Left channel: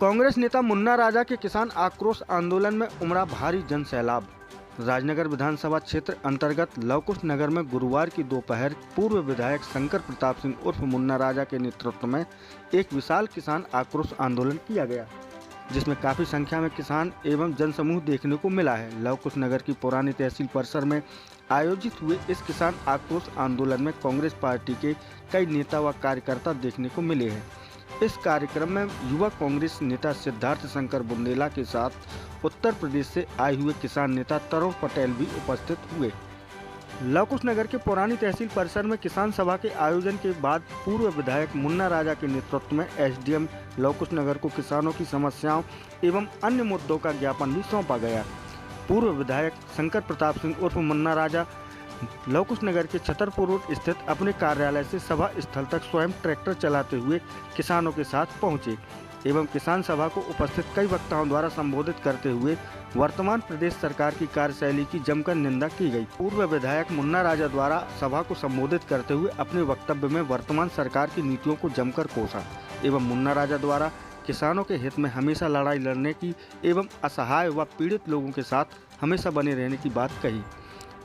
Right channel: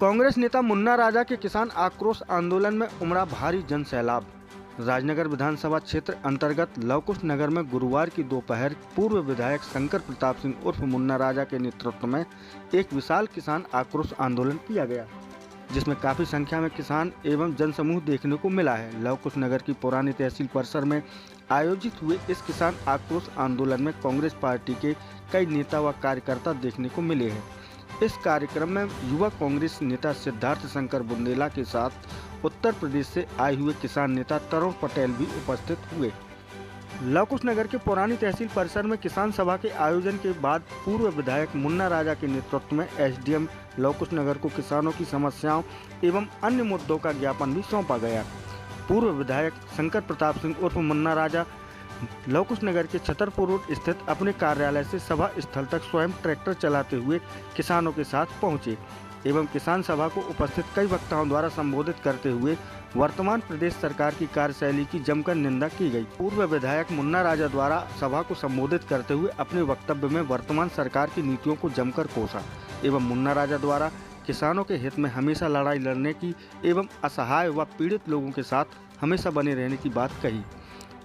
कांग्रेस नेता मुन्ना राजा के किसान आक्रोश आंदोलन में उमड़ा भारी जन सैलाब। राजनगर विधानसभा क्षेत्र अंतर्गत लवकुश नगर में गुरुवार की दोपहर पूर्व विधायक शंकर प्रताप सिंह उर्फ मुन्ना राजा के नेतृत्व में एक विशाल किसान आक्रोश आंदोलन किया गया, जिसमें काफी संख्या में किसान एवं जनसमूह देखने को मिला है। लवकुश नगर की पुरानी तहसील परिसर में आयोजित हुए इस किसान आक्रोश आंदोलन में कांग्रेस पार्टी के कई नेता व कार्यकर्ता देखने को मिले हैं। इस कार्यक्रम में युवा कांग्रेस नेता सिद्धार्थ शंकर बुंदेला के साथ उत्तर प्रदेश से आए हुए किसान नेता तरुण पटेल भी उपस्थित हुए। लवकुश नगर के पुरानी तहसील परिसर में किसान सभा के आयोजन के बाद पूर्व विधायक मुन्ना राजा के नेतृत्व में एसडीएम लवकुश नगर को किसानों की समस्याओं एवं अन्य मुद्दों का ज्ञापन भी सौंपा गया। पूर्व विधायक शंकर प्रताप सिंह उर्फ मुन्ना राजा लवकुश नगर के छतरपुर रोड स्थित अपने कार्यालय से सभा स्थल तक स्वयं ट्रैक्टर चलाते हुए किसानों के साथ पहुंचे एवं किसान सभा को उपस्थित कई वक्ताओं द्वारा संबोधित करते हुए वर्तमान प्रदेश सरकार की कार्यशैली की जमकर निंदा की गई। पूर्व विधायक मुन्ना राजा द्वारा सभा को संबोधित करते हुए अपने वक्तव्य में वर्तमान सरकार की नीतियों को जमकर कोसा एवं मुन्ना राजा द्वारा किसानों के हित में हमेशा लड़ाई लड़ने की एवं असहाय व पीड़ित लोगों के साथ हमेशा बने रहने की बात कही।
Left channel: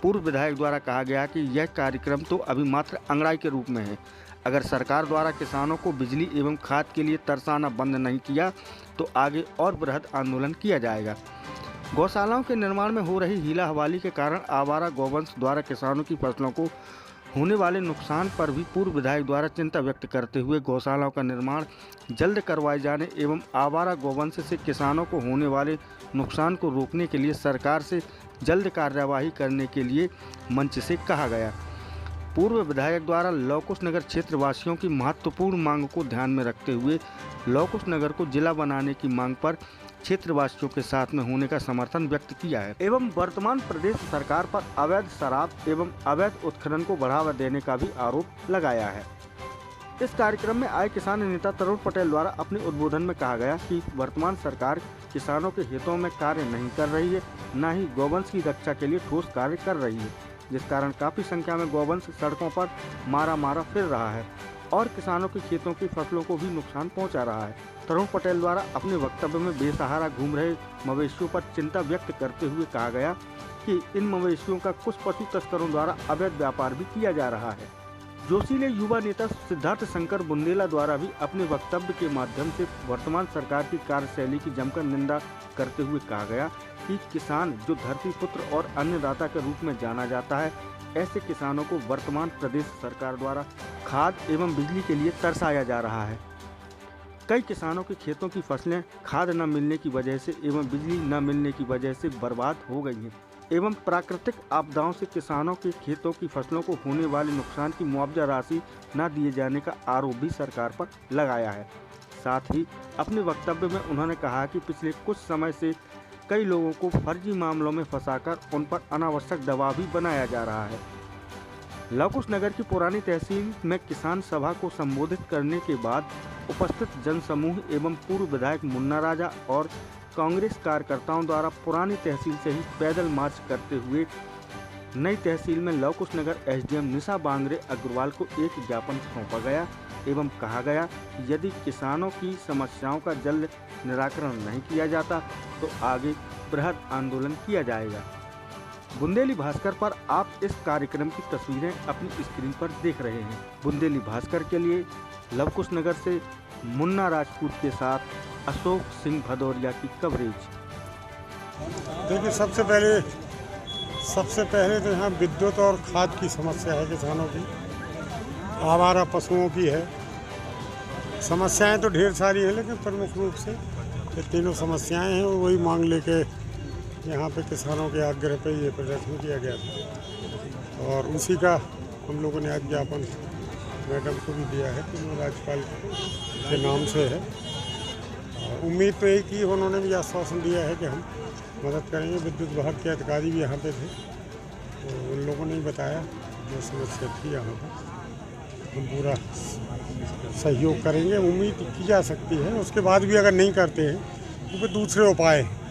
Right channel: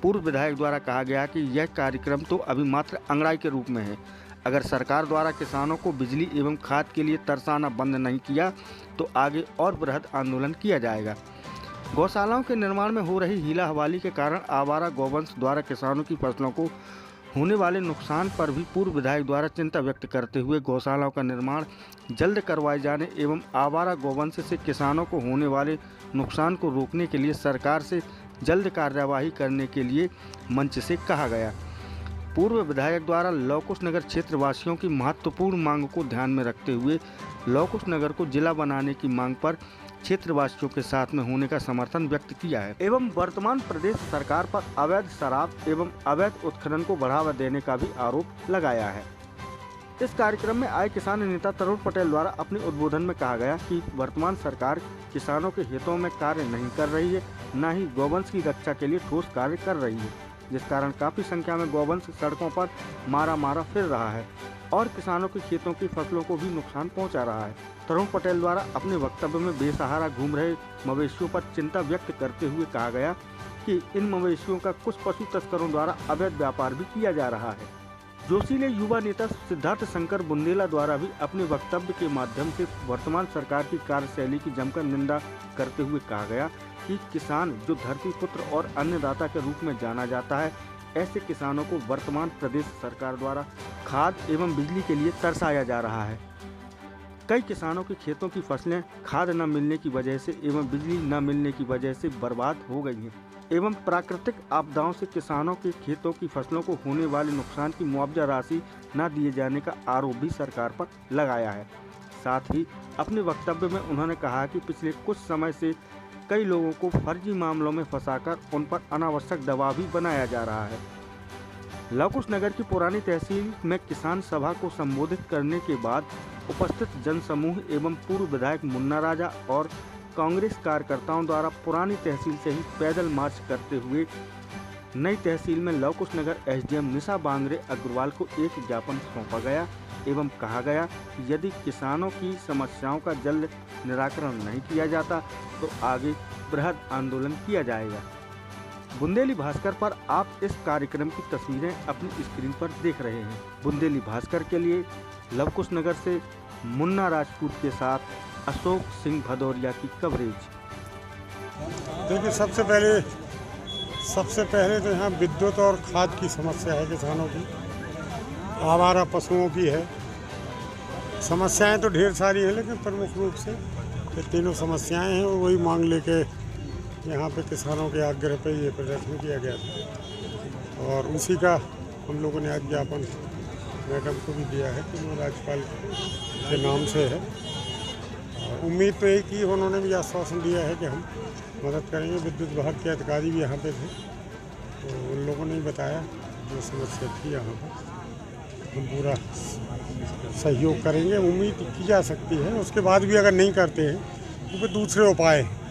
पूर्व विधायक द्वारा कहा गया कि यह कार्यक्रम तो अभी मात्र अंगड़ाई के रूप में है। अगर सरकार द्वारा किसानों को बिजली एवं खाद के लिए तरसाना बंद नहीं किया तो आगे और बृहद आंदोलन किया जाएगा। गौशालाओं के निर्माण में हो रही हीला हवाली के कारण आवारा गौवंश द्वारा किसानों की फसलों को होने वाले नुकसान पर भी पूर्व विधायक द्वारा चिंता व्यक्त करते हुए गौशालाओं का निर्माण जल्द करवाए जाने एवं आवारा गौवंश से किसानों को होने वाले नुकसान को रोकने के लिए सरकार से जल्द कार्यवाही करने के लिए मंच से कहा गया। पूर्व विधायक द्वारा लवकुश नगर क्षेत्र वासियों की महत्वपूर्ण मांग को ध्यान में रखते हुए लवकुश नगर को जिला बनाने की मांग पर क्षेत्रवासियों के साथ में होने का समर्थन व्यक्त किया है एवं वर्तमान प्रदेश सरकार पर अवैध शराब एवं अवैध उत्खनन को बढ़ावा देने का भी आरोप लगाया है। इस कार्यक्रम में आए किसान नेता तरुण पटेल द्वारा अपने उद्बोधन में कहा गया कि वर्तमान सरकार किसानों के हितों में कार्य नहीं कर रही है, न ही गौवंश की रक्षा के लिए ठोस कार्य कर रही है, जिस कारण काफी संख्या में गौवंश सड़कों पर मारा फिर रहा है और किसानों के खेतों की फसलों को भी नुकसान पहुंचा रहा है। तरुण पटेल द्वारा अपने वक्तव्य में बेसहारा घूम रहे मवेशियों पर चिंता व्यक्त करते हुए कहा गया कि इन मवेशियों का कुछ पशु तस्करों द्वारा अवैध व्यापार भी किया जा रहा है। जोशीले युवा नेता सिद्धार्थ शंकर बुंदेला द्वारा भी अपने वक्तव्य के माध्यम से वर्तमान सरकार की कार्यशैली की जमकर निंदा करते हुए कहा गया कि किसान जो धरती पुत्र और अन्नदाता के रूप में जाना जाता है, ऐसे किसानों को वर्तमान प्रदेश सरकार द्वारा खाद एवं बिजली के लिए तरसाया जा रहा है। कई किसानों के खेतों की फसलें खाद न मिलने की वजह से एवं बिजली न मिलने की वजह से बर्बाद हो गई हैं एवं प्राकृतिक आपदाओं से किसानों के खेतों की फसलों को होने वाले नुकसान की मुआवजा राशि न दिए जाने का आरोप भी सरकार पर लगाया है। साथ ही अपने वक्तव्य में उन्होंने कहा कि पिछले कुछ समय से कई लोगों को फर्जी मामलों में फंसाकर उन पर अनावश्यक दबाव भी बनाया जा रहा है। लवकुश नगर की पुरानी तहसील में किसान सभा को संबोधित करने के बाद उपस्थित जनसमूह एवं पूर्व विधायक मुन्ना राजा और कांग्रेस कार्यकर्ताओं द्वारा पुरानी तहसील से ही पैदल मार्च करते हुए नई तहसील में लवकुश नगर एसडीएम निशा बांगरे अग्रवाल को एक ज्ञापन सौंपा गया एवं कहा गया कि यदि किसानों की समस्याओं का जल्द निराकरण नहीं किया जाता तो आगे बृहद आंदोलन किया जाएगा। बुंदेली भास्कर पर आप इस कार्यक्रम की तस्वीरें अपनी स्क्रीन पर देख रहे हैं। बुंदेली भास्कर के लिए लवकुश नगर से मुन्ना राजपूत के साथ अशोक सिंह भदौरिया की कवरेज। देखिए, सबसे पहले तो यहाँ विद्युत और खाद की समस्या है किसानों की, आवारा पशुओं की है। समस्याएं तो ढेर सारी हैं, लेकिन प्रमुख रूप से ये तीनों समस्याएं हैं और वही मांग लेके यहाँ पे किसानों के आग्रह पे ये प्रदर्शन किया गया था और उसी का हम लोगों ने आज ज्ञापन मैडम को भी दिया है कि वो राज्यपाल के नाम से है। और उम्मीद तो एक ही, उन्होंने भी आश्वासन दिया है कि हम मदद करेंगे। विद्युत विभाग के अधिकारी भी यहाँ पे थे, तो उन लोगों ने बताया जो समस्या थी यहाँ पर हम पूरा सहयोग करेंगे। उम्मीद की जा सकती है, उसके बाद भी अगर नहीं करते हैं तो फिर दूसरे उपाय हैं।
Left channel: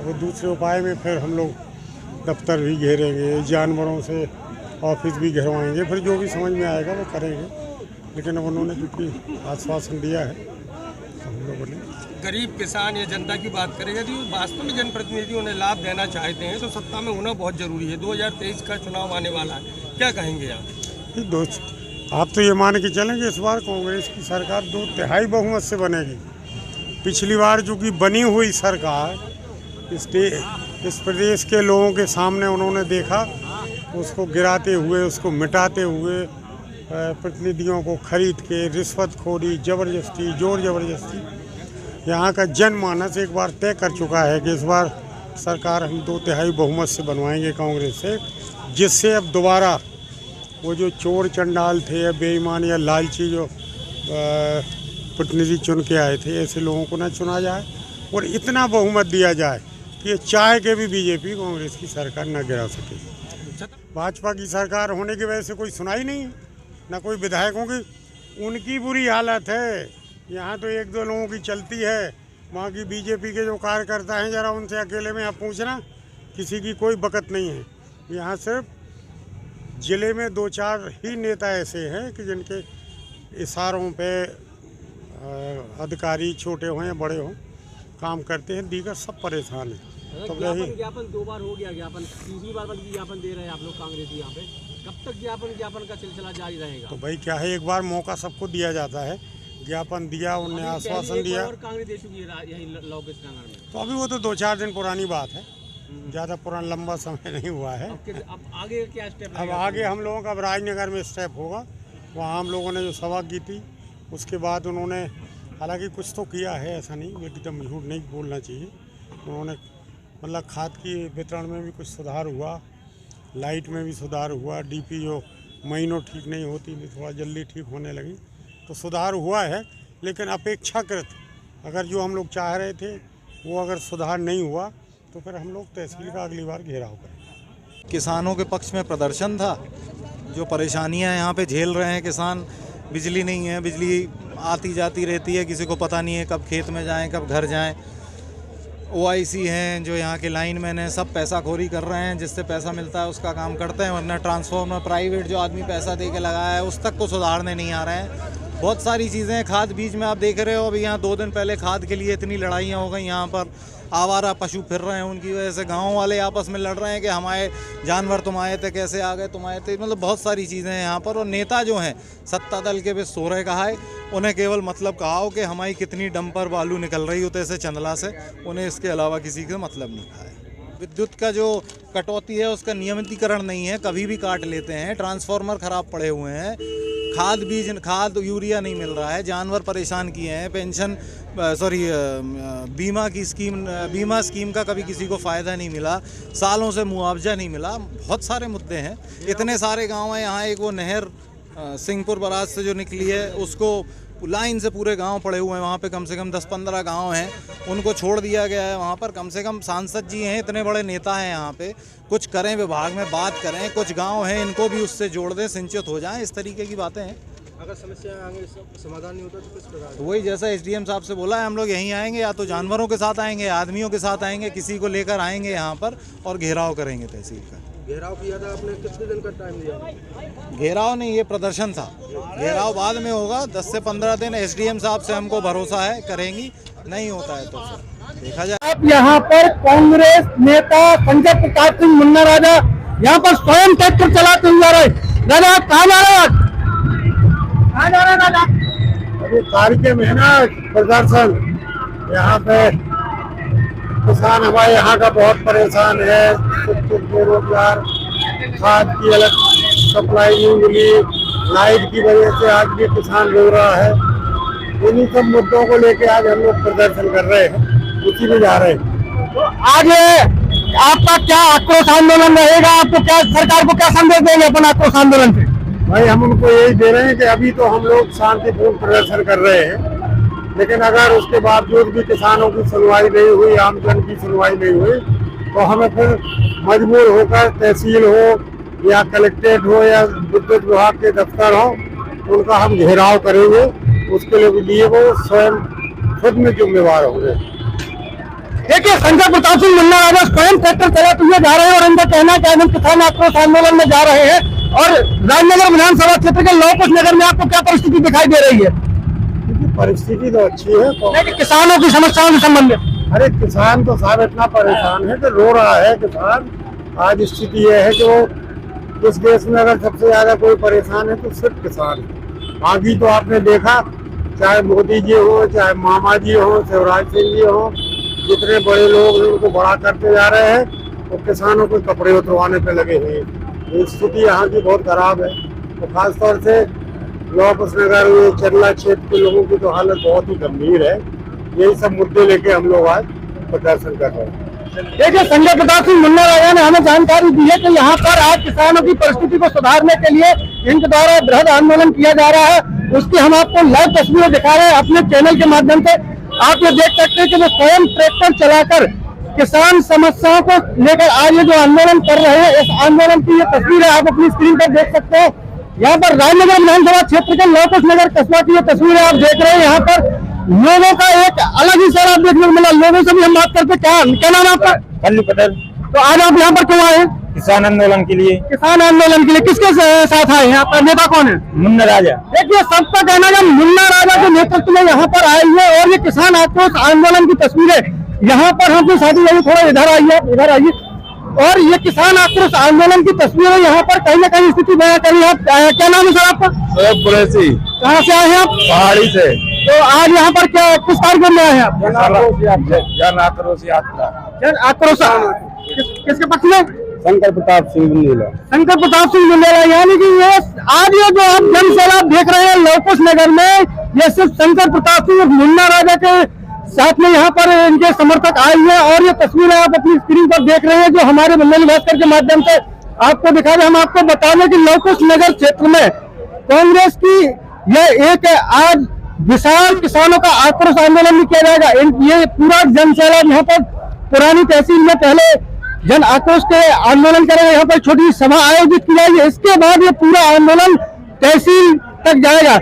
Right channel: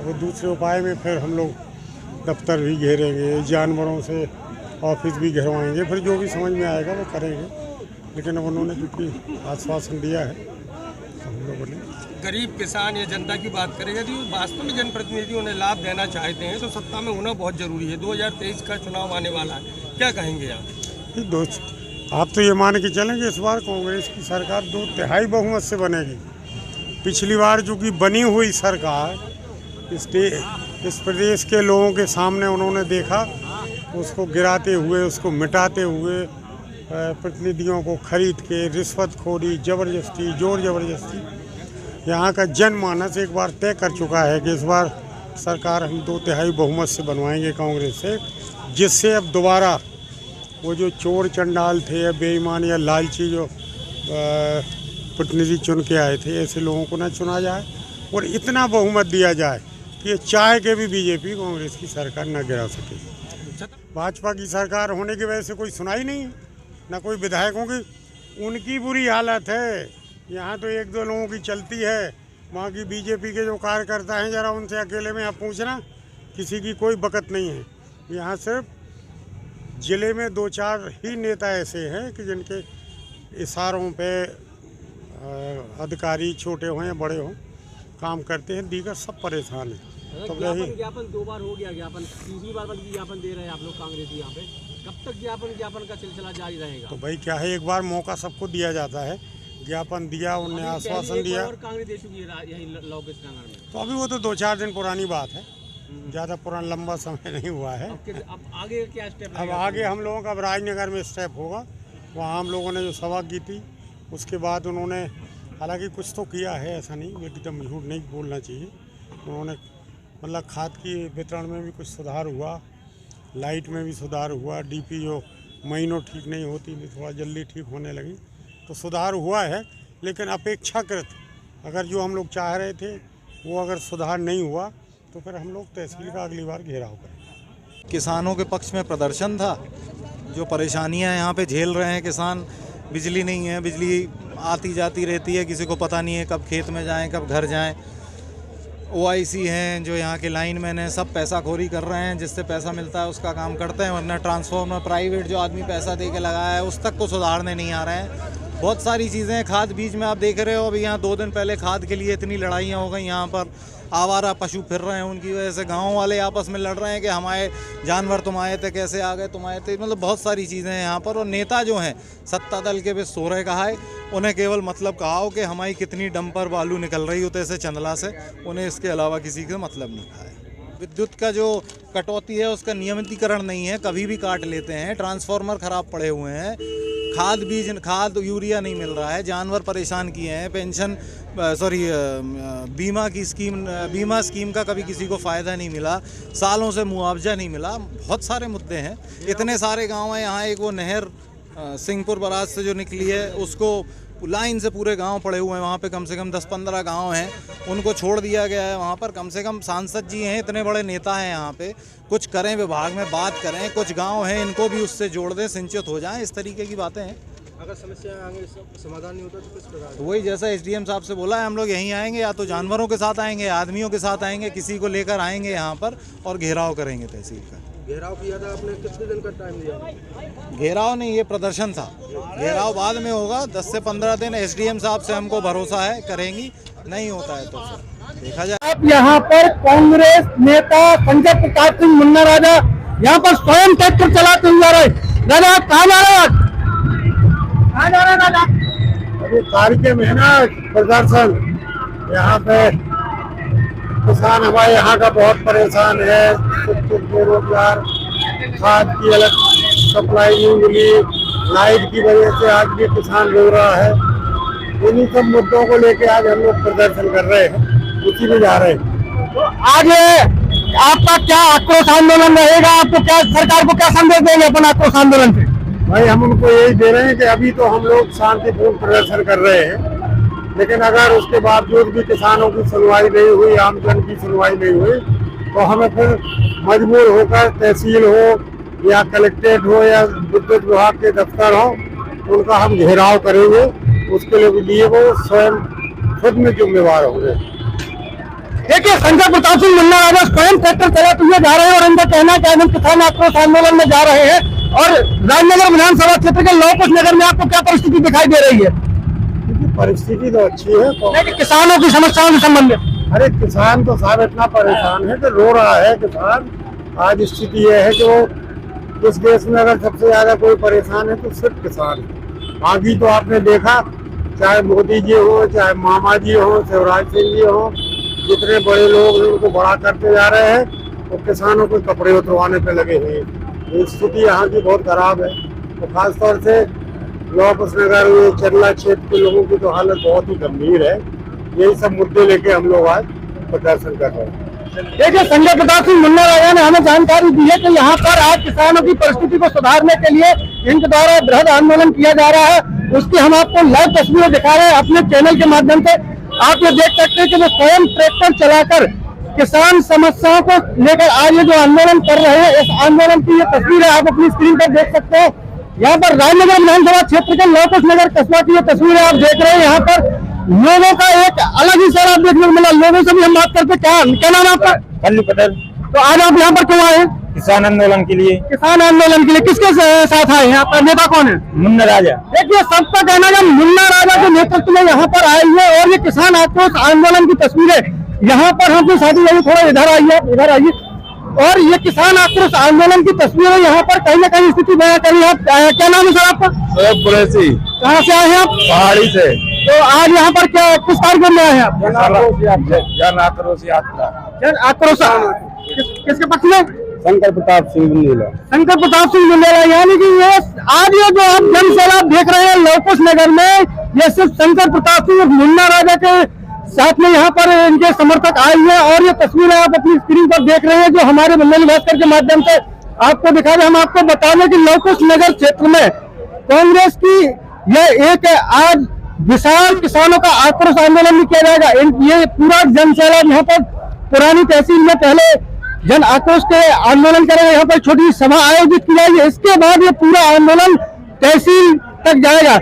वो दूसरे उपाय में फिर हम लोग दफ्तर भी घेरेंगे, जानवरों से ऑफिस भी घेरवाएंगे, फिर जो भी समझ में आएगा वो करेंगे। लेकिन अब उन्होंने क्योंकि आश्वासन दिया है तो हम लोगों ने गरीब किसान या जनता की बात करेगा तो वास्तव में जनप्रतिनिधि उन्हें लाभ देना चाहते हैं तो सत्ता में होना बहुत जरूरी है। 2023 का चुनाव आने वाला है, क्या कहेंगे आप? दोस्त आप तो ये मान के चलेंगे इस बार कांग्रेस की सरकार 2/3 बहुमत से बनेगी। पिछली बार जो कि बनी हुई सरकार इस प्रदेश के लोगों के सामने उन्होंने देखा, उसको गिराते हुए, उसको मिटाते हुए, प्रतिनिधियों को खरीद के रिश्वतखोरी, ज़बरदस्ती, जोर ज़बरदस्ती, यहाँ का जनमानस एक बार तय कर चुका है कि इस बार सरकार हम 2/3 बहुमत से बनवाएंगे कांग्रेस से, जिससे अब दोबारा वो जो चोर चंडाल थे या बेईमान या लालची जो प्रतिनिधि चुन के आए थे, ऐसे लोगों को ना चुना जाए और इतना बहुमत दिया जाए कि ये चाह के भी बीजेपी कांग्रेस की सरकार न गिरा सके। भाजपा की सरकार होने की वजह से कोई सुनाई नहीं है, ना कोई विधायकों की, उनकी बुरी हालत है। यहाँ तो 1-2 लोगों की चलती है, वहाँ की बीजेपी के जो कार्यकर्ता हैं जरा उनसे अकेले में आप पूछना, किसी की कोई बकत नहीं है। यहाँ सिर्फ ज़िले में 2-4 ही नेता ऐसे हैं कि जिनके इशारों पे अधिकारी छोटे हों या बड़े हों काम करते हैं, दीगर सब परेशान हैं। तो ज्ञापन 2 बार हो गया, ज्ञापन तीसरी बार ज्ञापन दे रहे हैं आप लोग कांग्रेस यहाँ पे, कब तक ज्ञापन का सिलसिला जारी रहेगा? तो भाई क्या है, एक बार मौका सबको दिया जाता है, ज्ञापन दिया, उन्हें आश्वासन दिया, और कांग्रेस दे चुकी है यही लोकेश नगर में। तो अभी वो तो 2-4 दिन पुरानी बात है, ज़्यादा पुराना लंबा समय नहीं हुआ है। अब आगे क्या स्टेप? अब आगे हम लोगों का राजनगर में स्टेप होगा, वहाँ हम लोगों ने जो सभा की थी उसके बाद उन्होंने हालांकि कुछ तो किया है, ऐसा नहीं एकदम झूठ नहीं बोलना चाहिए, उन्होंने मतलब खाद की वितरण में भी कुछ सुधार हुआ, लाइट में भी सुधार हुआ, डीपी जो महीनों ठीक नहीं होती थी थोड़ा जल्दी ठीक होने लगी, तो सुधार हुआ है। लेकिन अपेक्षाकृत अगर जो हम लोग चाह रहे थे वो अगर सुधार नहीं हुआ तो फिर हम लोग तहसील का अगली बार घेराव करेंगे। किसानों के पक्ष में प्रदर्शन था, जो परेशानियां यहाँ पे झेल रहे हैं किसान, बिजली नहीं है, बिजली आती जाती रहती है, किसी को पता नहीं है कब खेत में जाएं कब घर जाएं। OIC हैं जो यहाँ के लाइनमैन हैं, सब पैसाखोरी कर रहे हैं, जिससे पैसा मिलता है उसका काम करते हैं, वरना ट्रांसफार्मर प्राइवेट जो आदमी पैसा दे के लगाया है उस तक को सुधारने नहीं आ रहे हैं। बहुत सारी चीज़ें हैं, खाद बीज में आप देख रहे हो, अभी यहाँ 2 दिन पहले खाद के लिए इतनी लड़ाइयाँ हो गई, यहाँ पर आवारा पशु फिर रहे हैं, उनकी वजह से गाँव वाले आपस में लड़ रहे हैं कि हमारे जानवर तुम आए थे, कैसे आ गए तुम आए थे, मतलब बहुत सारी चीज़ें हैं यहाँ पर। और नेता जो हैं सत्ता दल के भी सो रहे कहा है, उन्हें केवल मतलब कहा हो कि हमारी कितनी डंपर बालू निकल रही होते ऐसे चंदला से, उन्हें इसके अलावा किसी का मतलब नहीं कहा है। विद्युत का जो कटौती है उसका नियमितीकरण नहीं है, कभी भी काट लेते हैं, ट्रांसफार्मर ख़राब पड़े हुए हैं, खाद यूरिया नहीं मिल रहा है, जानवर परेशान किए हैं, पेंशन बीमा स्कीम का कभी किसी को फ़ायदा नहीं मिला, सालों से मुआवजा नहीं मिला, बहुत सारे मुद्दे हैं। इतने सारे गांव हैं यहाँ, एक वो नहर सिंहपुर बराज से जो निकली है उसको लाइन से पूरे गांव पड़े हुए हैं, वहाँ पे कम से कम 10-15 गांव हैं, उनको छोड़ दिया गया है। वहाँ पर कम से कम सांसद जी हैं, इतने बड़े नेता हैं यहाँ पे, कुछ करें, विभाग में बात करें, कुछ गांव हैं इनको भी उससे जोड़ दें, सिंचित हो जाएं, इस तरीके की बातें हैं। अगर समस्या आगे समाधान नहीं होता तो किस प्रकार? तो वही जैसा SDM साहब से बोला है, हम लोग यहीं आएंगे, या तो जानवरों के साथ आएंगे, आदमियों के साथ आएंगे, किसी को लेकर आएंगे यहाँ पर और घेराव करेंगे तहसील का। घेराव किया था आपने, कितने दिन का टाइम दिया? घेराव नहीं, ये प्रदर्शन था, घेराव बाद में होगा, 10 से 15 दिन। SDM साहब से हमको भरोसा है करेंगी, नहीं होता है तो फिर देखा जाए। आप यहाँ पर कांग्रेस नेता संजय प्रताप सिंह मुन्ना राजा यहाँ पर स्वयं ट्रैक्टर चलाते हुए जा रहे। दादा कहाँ जा रहे हैं? कहाँ जा रहे हैं दादा? अभी कार्य में है ना प्रदर्शन, यहाँ पे किसान हमारे यहाँ का बहुत परेशान है, कुछ बेरोजगार, खाद की अलग सप्लाई नहीं मिली, लाइट की वजह से आज भी किसान रो रहा है। इन्हीं सब मुद्दों को लेके आज हम लोग प्रदर्शन कर रहे हैं, उसी में जा रहे हैं। तो आज आपका क्या आक्रोश आंदोलन रहेगा? आपको क्या, सरकार को क्या संदेश देंगे अपन आक्रोश आंदोलन से? भाई हम उनको यही दे रहे हैं कि अभी तो हम लोग शांतिपूर्ण प्रदर्शन कर रहे हैं, लेकिन अगर उसके बावजूद भी किसानों की सुनवाई नहीं हुई, आम जन की सुनवाई नहीं हुई, तो हमें फिर मजबूर होकर तहसील हो या कलेक्ट्रेट हो या विद्युत विभाग के दफ्तर हो, उनका हम घेराव करेंगे। उसके लिए वो स्वयं खुद में जिम्मेवार होंगे। देखिए, संजय प्रताप सिंह मुन्ना राजा स्वयं ट्रैक्टर चलाते हुए जा रहे हैं और उनका कहना है कि हम किसान आक्रोश आंदोलन में जा रहे हैं। और राजनगर विधानसभा क्षेत्र के लौकुश नगर में आपको क्या परिस्थिति दिखाई दे रही है? परिस्थिति तो अच्छी है। लेकिन किसानों की समस्याओं से संबंधित अरे किसान तो साहब इतना परेशान है कि रो रहा है किसान। आज स्थिति यह है कि वो इस देश में अगर सबसे ज्यादा कोई परेशान है तो सिर्फ किसान है। बाकी तो आपने देखा, चाहे मोदी जी हो, चाहे मामा जी हो, शिवराज सिंह जी हो, जितने बड़े लोग उनको बड़ा करते जा रहे हैं, वो किसानों को कपड़े उतरवाने पे लगे हुए हैं। स्थिति यहाँ की बहुत खराब है। तो खासतौर से लौकुश नगर, ये चरला क्षेत्र के लोगों की तो हालत बहुत ही गंभीर है। यही सब मुद्दे लेके हम लोग आज प्रदर्शन कर रहे हैं। देखिए, संजय प्रताप सिंह मुन्ना राजा ने हमें जानकारी दी है कि यहाँ पर आज किसानों की परिस्थिति को सुधारने के लिए इनके द्वारा बृहद आंदोलन किया जा रहा है। उसकी हम आपको लाइव तस्वीरें दिखा रहे हैं अपने चैनल के माध्यम से। आप ये देख सकते हैं कि वो स्वयं ट्रैक्टर चलाकर किसान समस्याओं को लेकर आज ये जो आंदोलन कर रहे हैं, इस आंदोलन की ये तस्वीरें आप अपनी स्क्रीन पर देख सकते हैं। यहाँ पर राजनगर विधानसभा क्षेत्र के लौकुश नगर कस्बा की ये तस्वीरें आप देख रहे हैं। यहाँ पर लोगों का एक अलग ही सैलाब देखने को मिला। लोगों से भी हम बात करते, क्या नाम है आपका? कल्लू पटेल। तो आज आप यहाँ पर क्यों आए? किसान आंदोलन के लिए। किसान आंदोलन के लिए किसके साथ आए हैं? आपका नेता कौन है? मुन्ना राजा। देखिए, सबका कहना है मुन्ना राजा के नेतृत्व में यहाँ पर आए हुए और ये किसान आक्रोश आंदोलन की तस्वीरें यहाँ पर हमसे साथी भाई थोड़ा इधर आइए, इधर आइए। और ये किसान आक्रोश आंदोलन की तस्वीरें यहाँ पर कहीं ना कहीं स्थिति बयां करी है। क्या नाम है सर आपका? कुरैशी। कहाँ से आए हैं आप? पहाड़ी से। तो आज यहाँ पर क्या किस कार्यक्रम में आए हैं आप? जन आक्रोश यात्रा। जन आक्रोश किसके पक्ष में? शंकर प्रताप सिंह बुंदेला। शंकर प्रताप सिंह बुंदेला। यानी कि ये आज ये जो आप जन सैलाब देख रहे हैं लौकुश नगर में, ये सिर्फ शंकर प्रताप सिंह और मुन्ना राजा के साथ में यहाँ पर इनके समर्थक आए हुए हैं। और ये तस्वीरें आप अपनी स्क्रीन पर देख रहे हैं जो हमारे बंगाली भास्कर के माध्यम से आपको दिखा रहे हैं। हम आपको बता दें कि लौकुश नगर क्षेत्र में कांग्रेस की यह एक आज विशाल किसानों का आक्रोश आंदोलन भी किया जाएगा। ये पूरा जन सैलाब यहाँ पर पुरानी तहसील में पहले जन आक्रोश के आंदोलन करेंगे। यहाँ पर छोटी सभा आयोजित की जाएगी। इसके बाद ये पूरा आंदोलन तहसील तक जाएगा।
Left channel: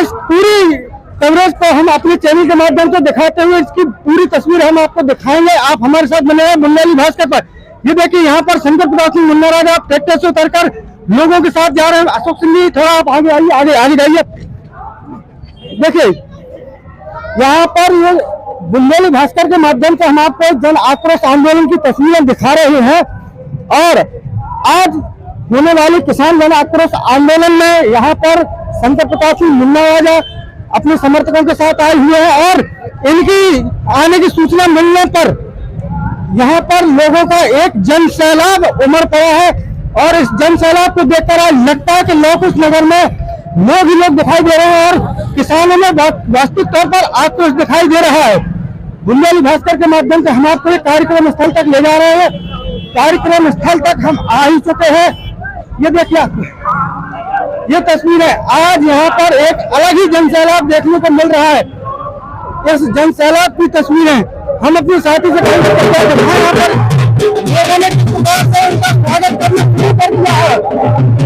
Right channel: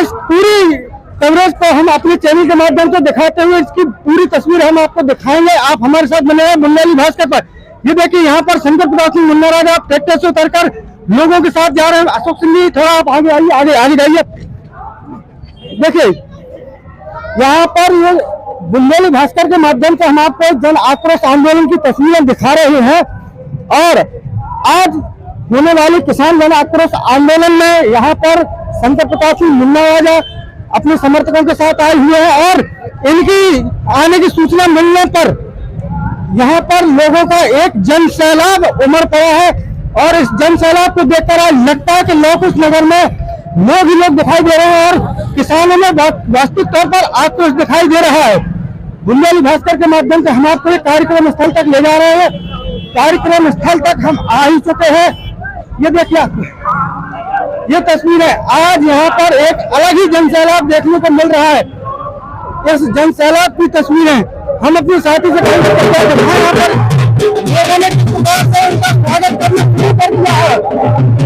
इस पूरी कवरेज को हम अपने चैनल के माध्यम से दिखाते हुए इसकी पूरी तस्वीर हम आपको दिखाएंगे। आप हमारे साथ बने हैं बंगाली भास्कर पर। ये देखिए, यहाँ पर शंकर प्रताप सिंह मुन्ना राजा ट्रैक्टर से उतरकर लोगों के साथ जा रहे हैं। अशोक सिंह जी थोड़ा आप आगे आइए, आगे जाइए। देखिए, यहाँ पर ये बुंदेली भास्कर के माध्यम से हम आपको जन आक्रोश आंदोलन की तस्वीरें दिखा रहे हैं। और आज होने वाले किसान जन आक्रोश आंदोलन में यहाँ पर शंकर प्रताप सिंह मुन्ना राजा अपने समर्थकों के साथ आए हुए हैं। और इनकी आने की सूचना मिलने पर यहाँ पर लोगों का एक जन सैलाब उमड़ पड़ा है। और इस जन सैलाब को देखकर आज लगता है कि लौकुश नगर में लोग ही लोग दिखाई दे रहे हैं और किसानों में वास्तविक तौर पर आक्रोश दिखाई दे रहा है। बुंदेली भास्कर के माध्यम से हम आपको एक कार्यक्रम स्थल तक ले जा रहे हैं। कार्यक्रम स्थल तक हम आ ही चुके हैं। ये देखिए, ये तस्वीर है। आज यहाँ पर एक अलग ही जन सैलाब देखने को मिल रहा है। इस जन सैलाब की तस्वीरें हम अपने साथी से यहाँ पर लोगों ने किस प्रकार से उनका स्वागत करना शुरू कर दिया है।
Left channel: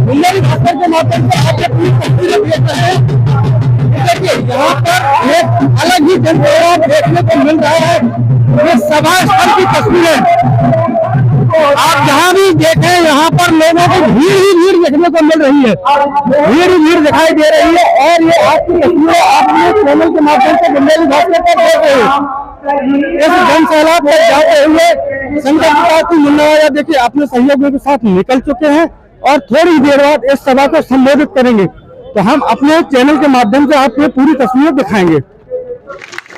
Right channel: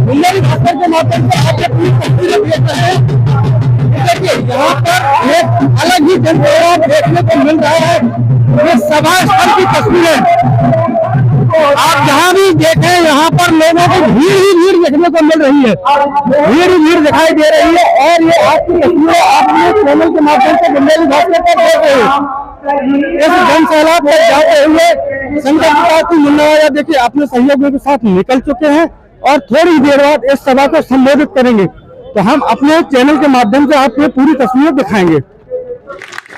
बुंदेली भास्कर के माध्यम से आप अपनी तस्वीरें देख रहे हैं। देखिए, यहाँ पर एक अलग ही जन सैलाब देखने को मिल रहा है। ये सभा स्थल की तस्वीरें आप जहाँ भी देखें, यहाँ पर लोगों को भीड़ ही भीड़ देखने को मिल रही है। भीड़ ही भीड़ दिखाई दे रही है। और ये आपकी तस्वीरें आपने चैनल के माध्यम से बुंदेली भास्कर पर देख रहे हैं। इस जन सैलाब तक जाते हुए शंकर प्रताप सिंह मुन्ना राजा देखिए अपने सहयोगियों के साथ निकल चुके हैं और थोड़ी देर बाद इस सभा को संबोधित करेंगे। तो हम अपने चैनल के माध्यम से आपको पूरी तस्वीरें दिखाएंगे।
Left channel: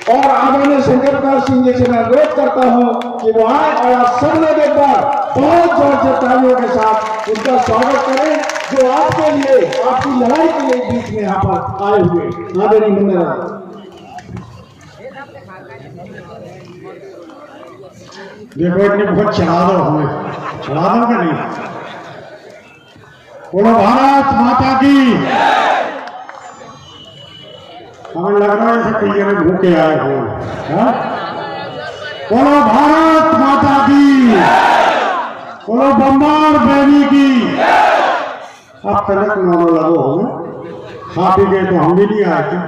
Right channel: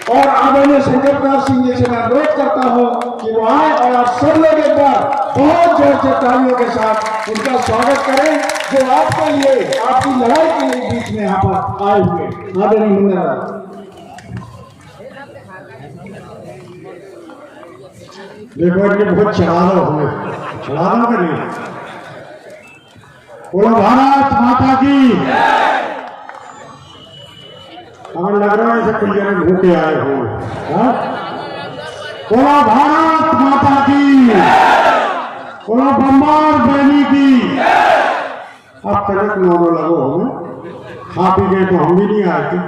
और आदरणीय शंकर प्रताप सिंह जी से मैं अनुरोध करता हूं कि वो आए और आप सब लोग एक बार बहुत जोर से तालियों के साथ उनका स्वागत करें, जो आपके लिए, आपकी लड़ाई के लिए बीच में यहाँ पर आए हुए। आदरणीय मुन्ना राजा। देखो, इनके बहुत चढ़ा दो, हमें चढ़ा दो कि नहीं? बोलो भारत माता की। हमें लग रहा है जैसे कोई जने भूखे आए हो। बोलो भारत माता की। बोलो बम्बार बेनी की। अब तक मोनो लगो हमें। खा पी गए तो हम भी नहीं आए थे।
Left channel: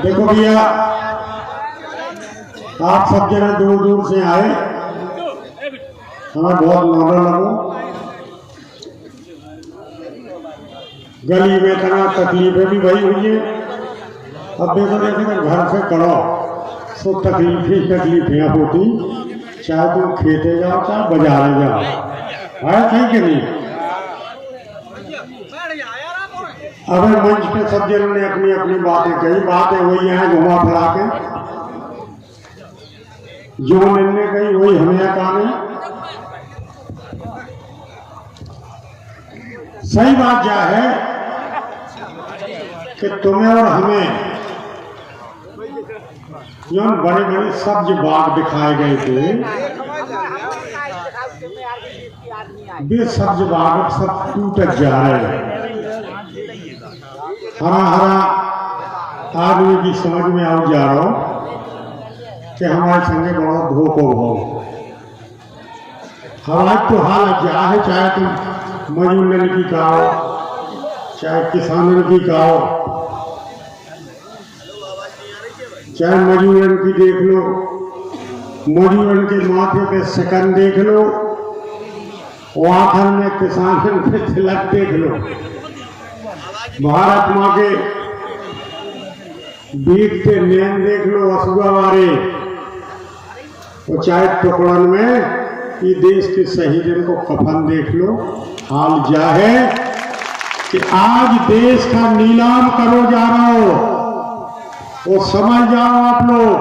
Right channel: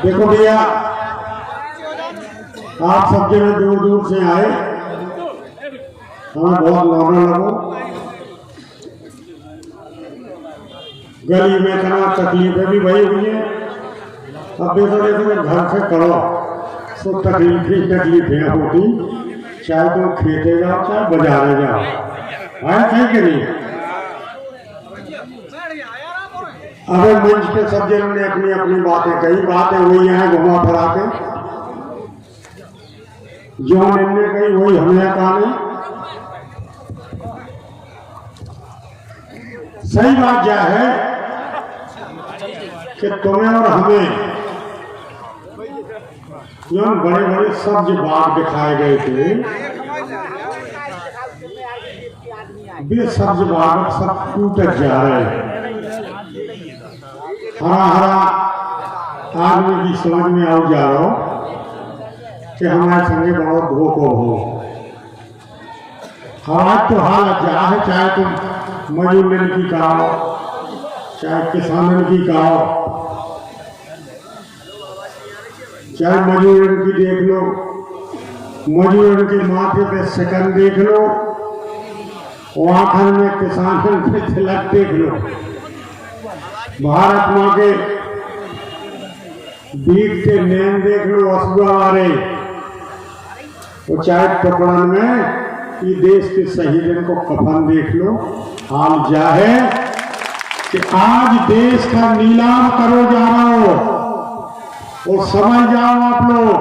देखो भैया, आप सब जगह दूर दूर से आए, हमें बहुत नॉर्मल लगो। गली में इतना तकलीफें भी भई हुई है। अब देखो देखो घर से करो तो तकलीफें होती, चाहे तुम खेते जाओ चाहे बाजारे जाओ, है कहीं के नहीं। अब मंच पे सब जनों ने अपनी अपनी बातें कही, बातें वही है घुमा फिरा के जो मैंने कही वही हमें कहा। सही बात क्या है कि तुम्हें और हमें जो बड़े बड़े सब्ज बाग दिखाए गए थे, वे सब्ज बाग सब टूटत जा रहे हैं। हरा हरा आदमी की समझ में आ जा रहा हो कि हमारे संगे बहुत धोखो हो। आज तो हाल क्या है, चाहे तुम मजदूर की कहो चाहे किसानों की कहो, चाहे मजदूरों की देख लो, मजदूरों के माथे पे शिकन देख लो, आखिर में किसानों के तिलक देख लो। भारत माँ के बीतते नैन देख लो वसुआ वाले, वो चाहे टुकड़न में कि देश के शहीदों को कफन देख लो। हाल क्या है कि आज देश का नीलाम करो जा रहा हो, वो समझ जाओ आप लोग।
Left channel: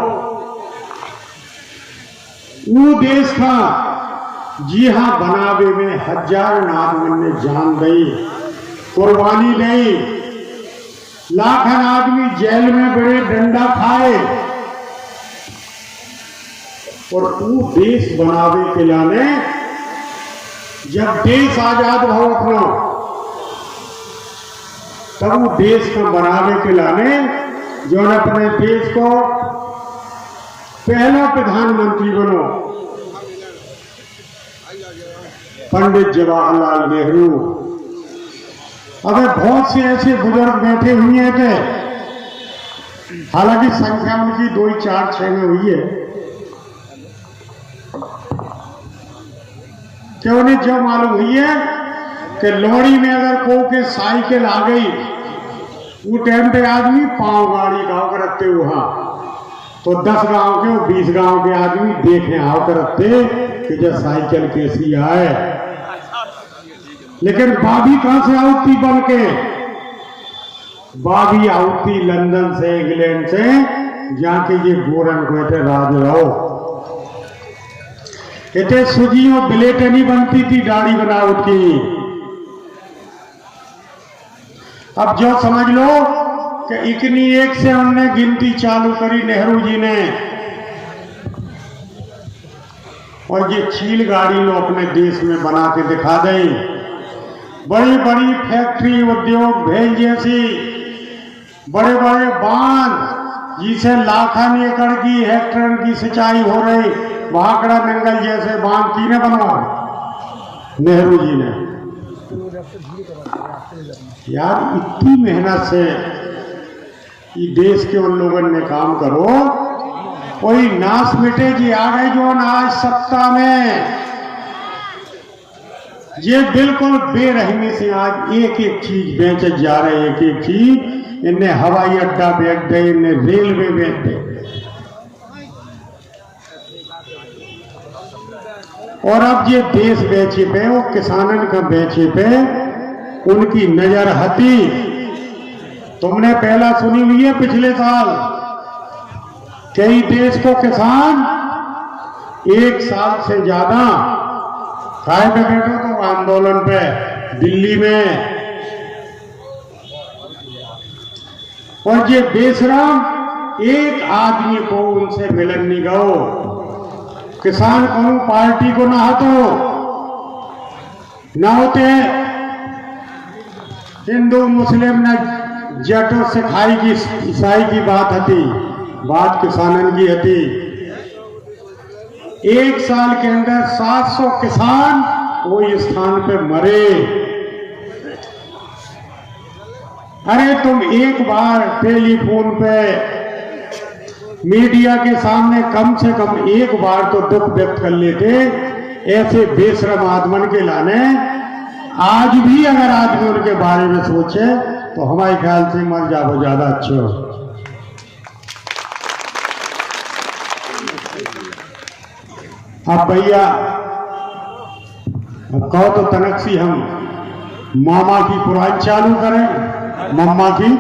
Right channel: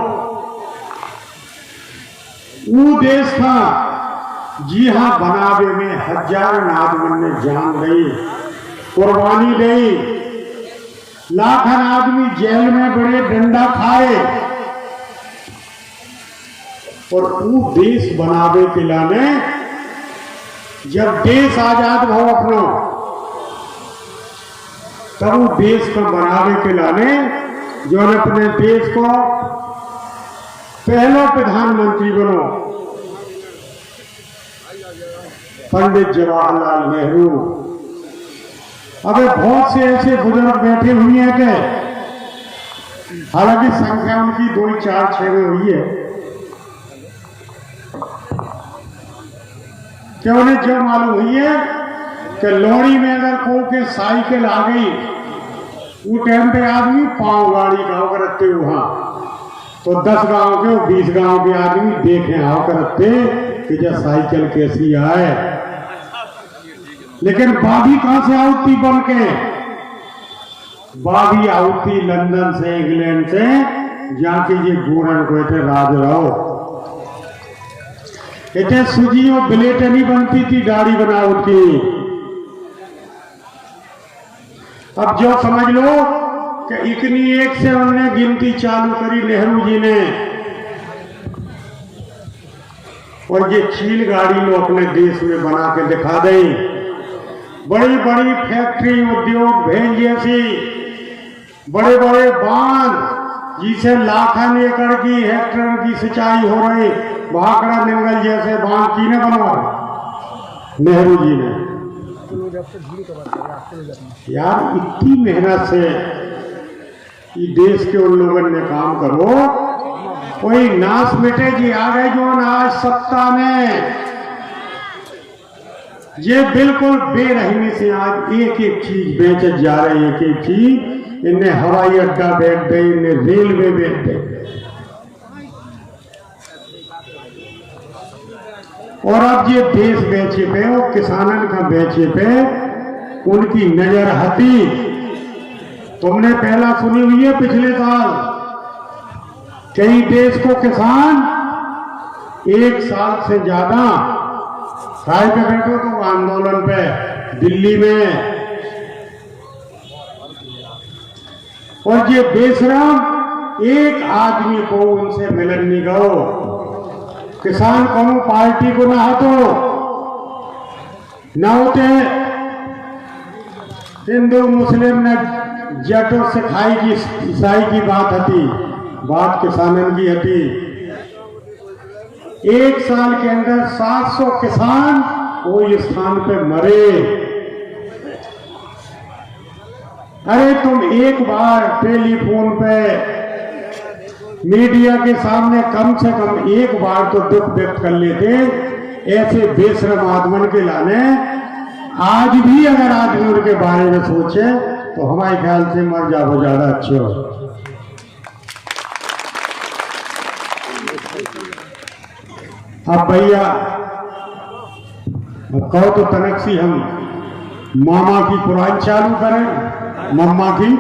वो देश का जी हाँ बनावे में हजारों आदमी ने जान दी, कुर्बानी दी, लाखन आदमी जेल में बड़े डंडा खाए, और वो देश बनावे के लाने जब देश आजाद हो अपना, तब देश को बनावे के लाने जो अपने देश को पहला प्रधानमंत्री बनो पंडित जवाहरलाल नेहरू। अबे बहुत से ऐसे बुजुर्ग बैठे हुए हैं कि हालांकि संख्या उनकी 2, 4, 6 में हुई है कि उन्हें जो मालूम हुई है कि लोहड़ी में अगर को के साइकिल आ गई, वो टाइम पे आदमी पांव गाड़ी गाँव करते वहां तो 10 गांव के 20 गांव के आदमी देखे आओ करते कि जब साइकिल कैसी आए। लेकिन बाबी कहां से आउती बन के, बाबी आउती लंदन से, इंग्लैंड से, जहां के ये गोरन को इतने राज रहो, इतने सूजी और ब्लेट नहीं बनती थी दाढ़ी बनावट की। अब जो समझ लो कि इतनी एक से उन्होंने गिनती चालू करी नेहरू जी ने, और ये चील गाड़ी लो अपने देश में बना के दिखा दें। बड़ी बड़ी फैक्ट्री उद्योग भेज जैसी, बड़े बड़े बांध जिसे लाखों एकड़ की हेक्टेयर की सिंचाई हो रही, भाखड़ा नंगल जैसे बांध की ने बनवा नेहरू जी ने। यार इतनी मेहनत से ये देश के उन लोगों ने काम करो, कोई नाश मिटे जी आ गए जो आज सत्ता में, ये बिल्कुल बेरहमी से आज एक एक चीज बेचे जा रहे हैं। एक एक चीज, इन्हें हवाई अड्डा बेच दे, इन्हें रेलवे बेच दे, और अब ये देश बेचे पे और किसानों का बेचे पे उनकी नजर हटी। तुमने पहला सुनी हुई है पिछले साल कई देश को किसान 1 साल से ज्यादा काय पे बैठो तो आंदोलन पे दिल्ली में, और ये बेशरम एक आदमी को उनसे मिलन नहीं गो। किसान को पार्टी को ना हटो न होते, हिंदू मुस्लिम ने जटो सिखाई की ईसाई की बात हती, बात किसानन की हती। 1 साल के अंदर 700 किसान कोई स्थान पे मरे। अरे तुम एक बार टेलीफोन पे मीडिया के सामने कम से कम एक बार तो दुख व्यक्त कर लेते। ऐसे बेशरम आदमन के लाने आज भी अगर आदमी उनके बारे में सोचे तो हमारे ख्याल से मर जाओ ज्यादा अच्छे हो। अब भैया कहो तो तनक सी हम मामा की पुरानी चालू करें, मम्मा की।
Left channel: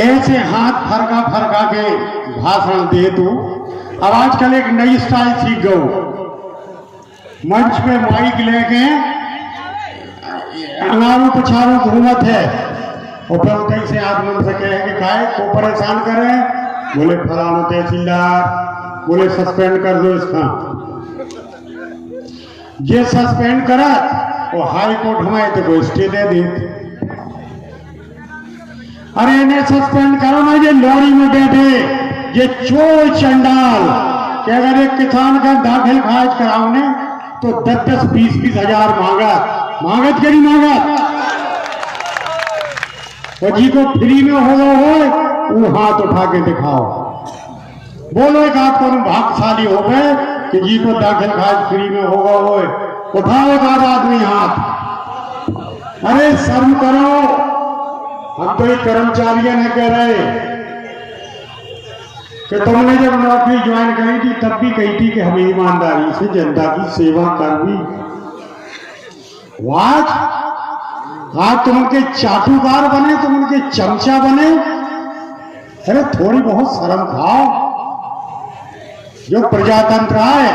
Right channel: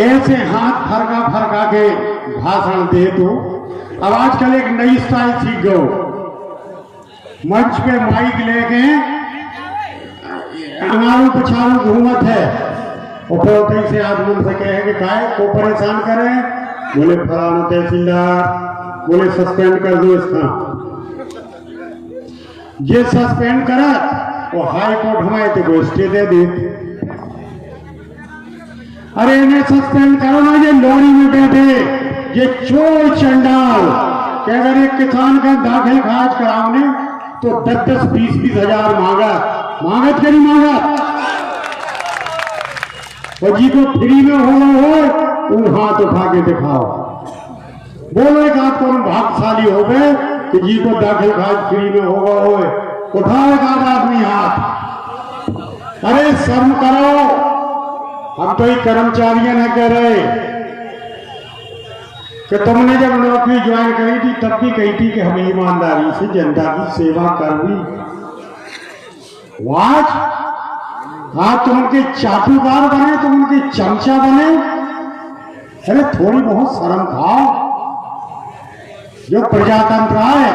ऐसे हाथ फरका फरका के भाषण दे दो। अब आजकल एक नई स्टाइल सीख गए, मंच पे माइक लेके अगवारू पछाड़ू घूमत है और फिर कई से आदमी से कहेंगे काय को परेशान करें, बोले फलाना तहसीलदार, बोले सस्पेंड कर दो इसका। जे सस्पेंड करा वो हाई कोर्ट हमारे तो स्टे दे देते। अरे इन्हें सस्पेंड करो ना, ये लॉरी में बैठे ये चोर चंडाल कि अगर एक किसान का दाखिल खारिज कराओ ने तो 10-10, 20-20 हजार मांगत करी मांगत। और जी को फ्री में हो वो हाथ उठा के दिखाओ, बोलो एक हाथ को भागशाली हो गए कि जी को दाखिल खारिज फ्री में होगा हो, उठाओ एक आदमी हाथ। अरे शर्म करो। हम तो एक कर्मचारियों ने कह रहे कि तुमने जब नौकरी ज्वाइन करी थी तब भी कही थी कि हमें ईमानदारी से जनता की सेवा करनी। आज तुम उनके चाटुकार बने, तुम उनके चमचा बने। अरे थोड़ी बहुत शर्म खाओ। जो प्रजातंत्र है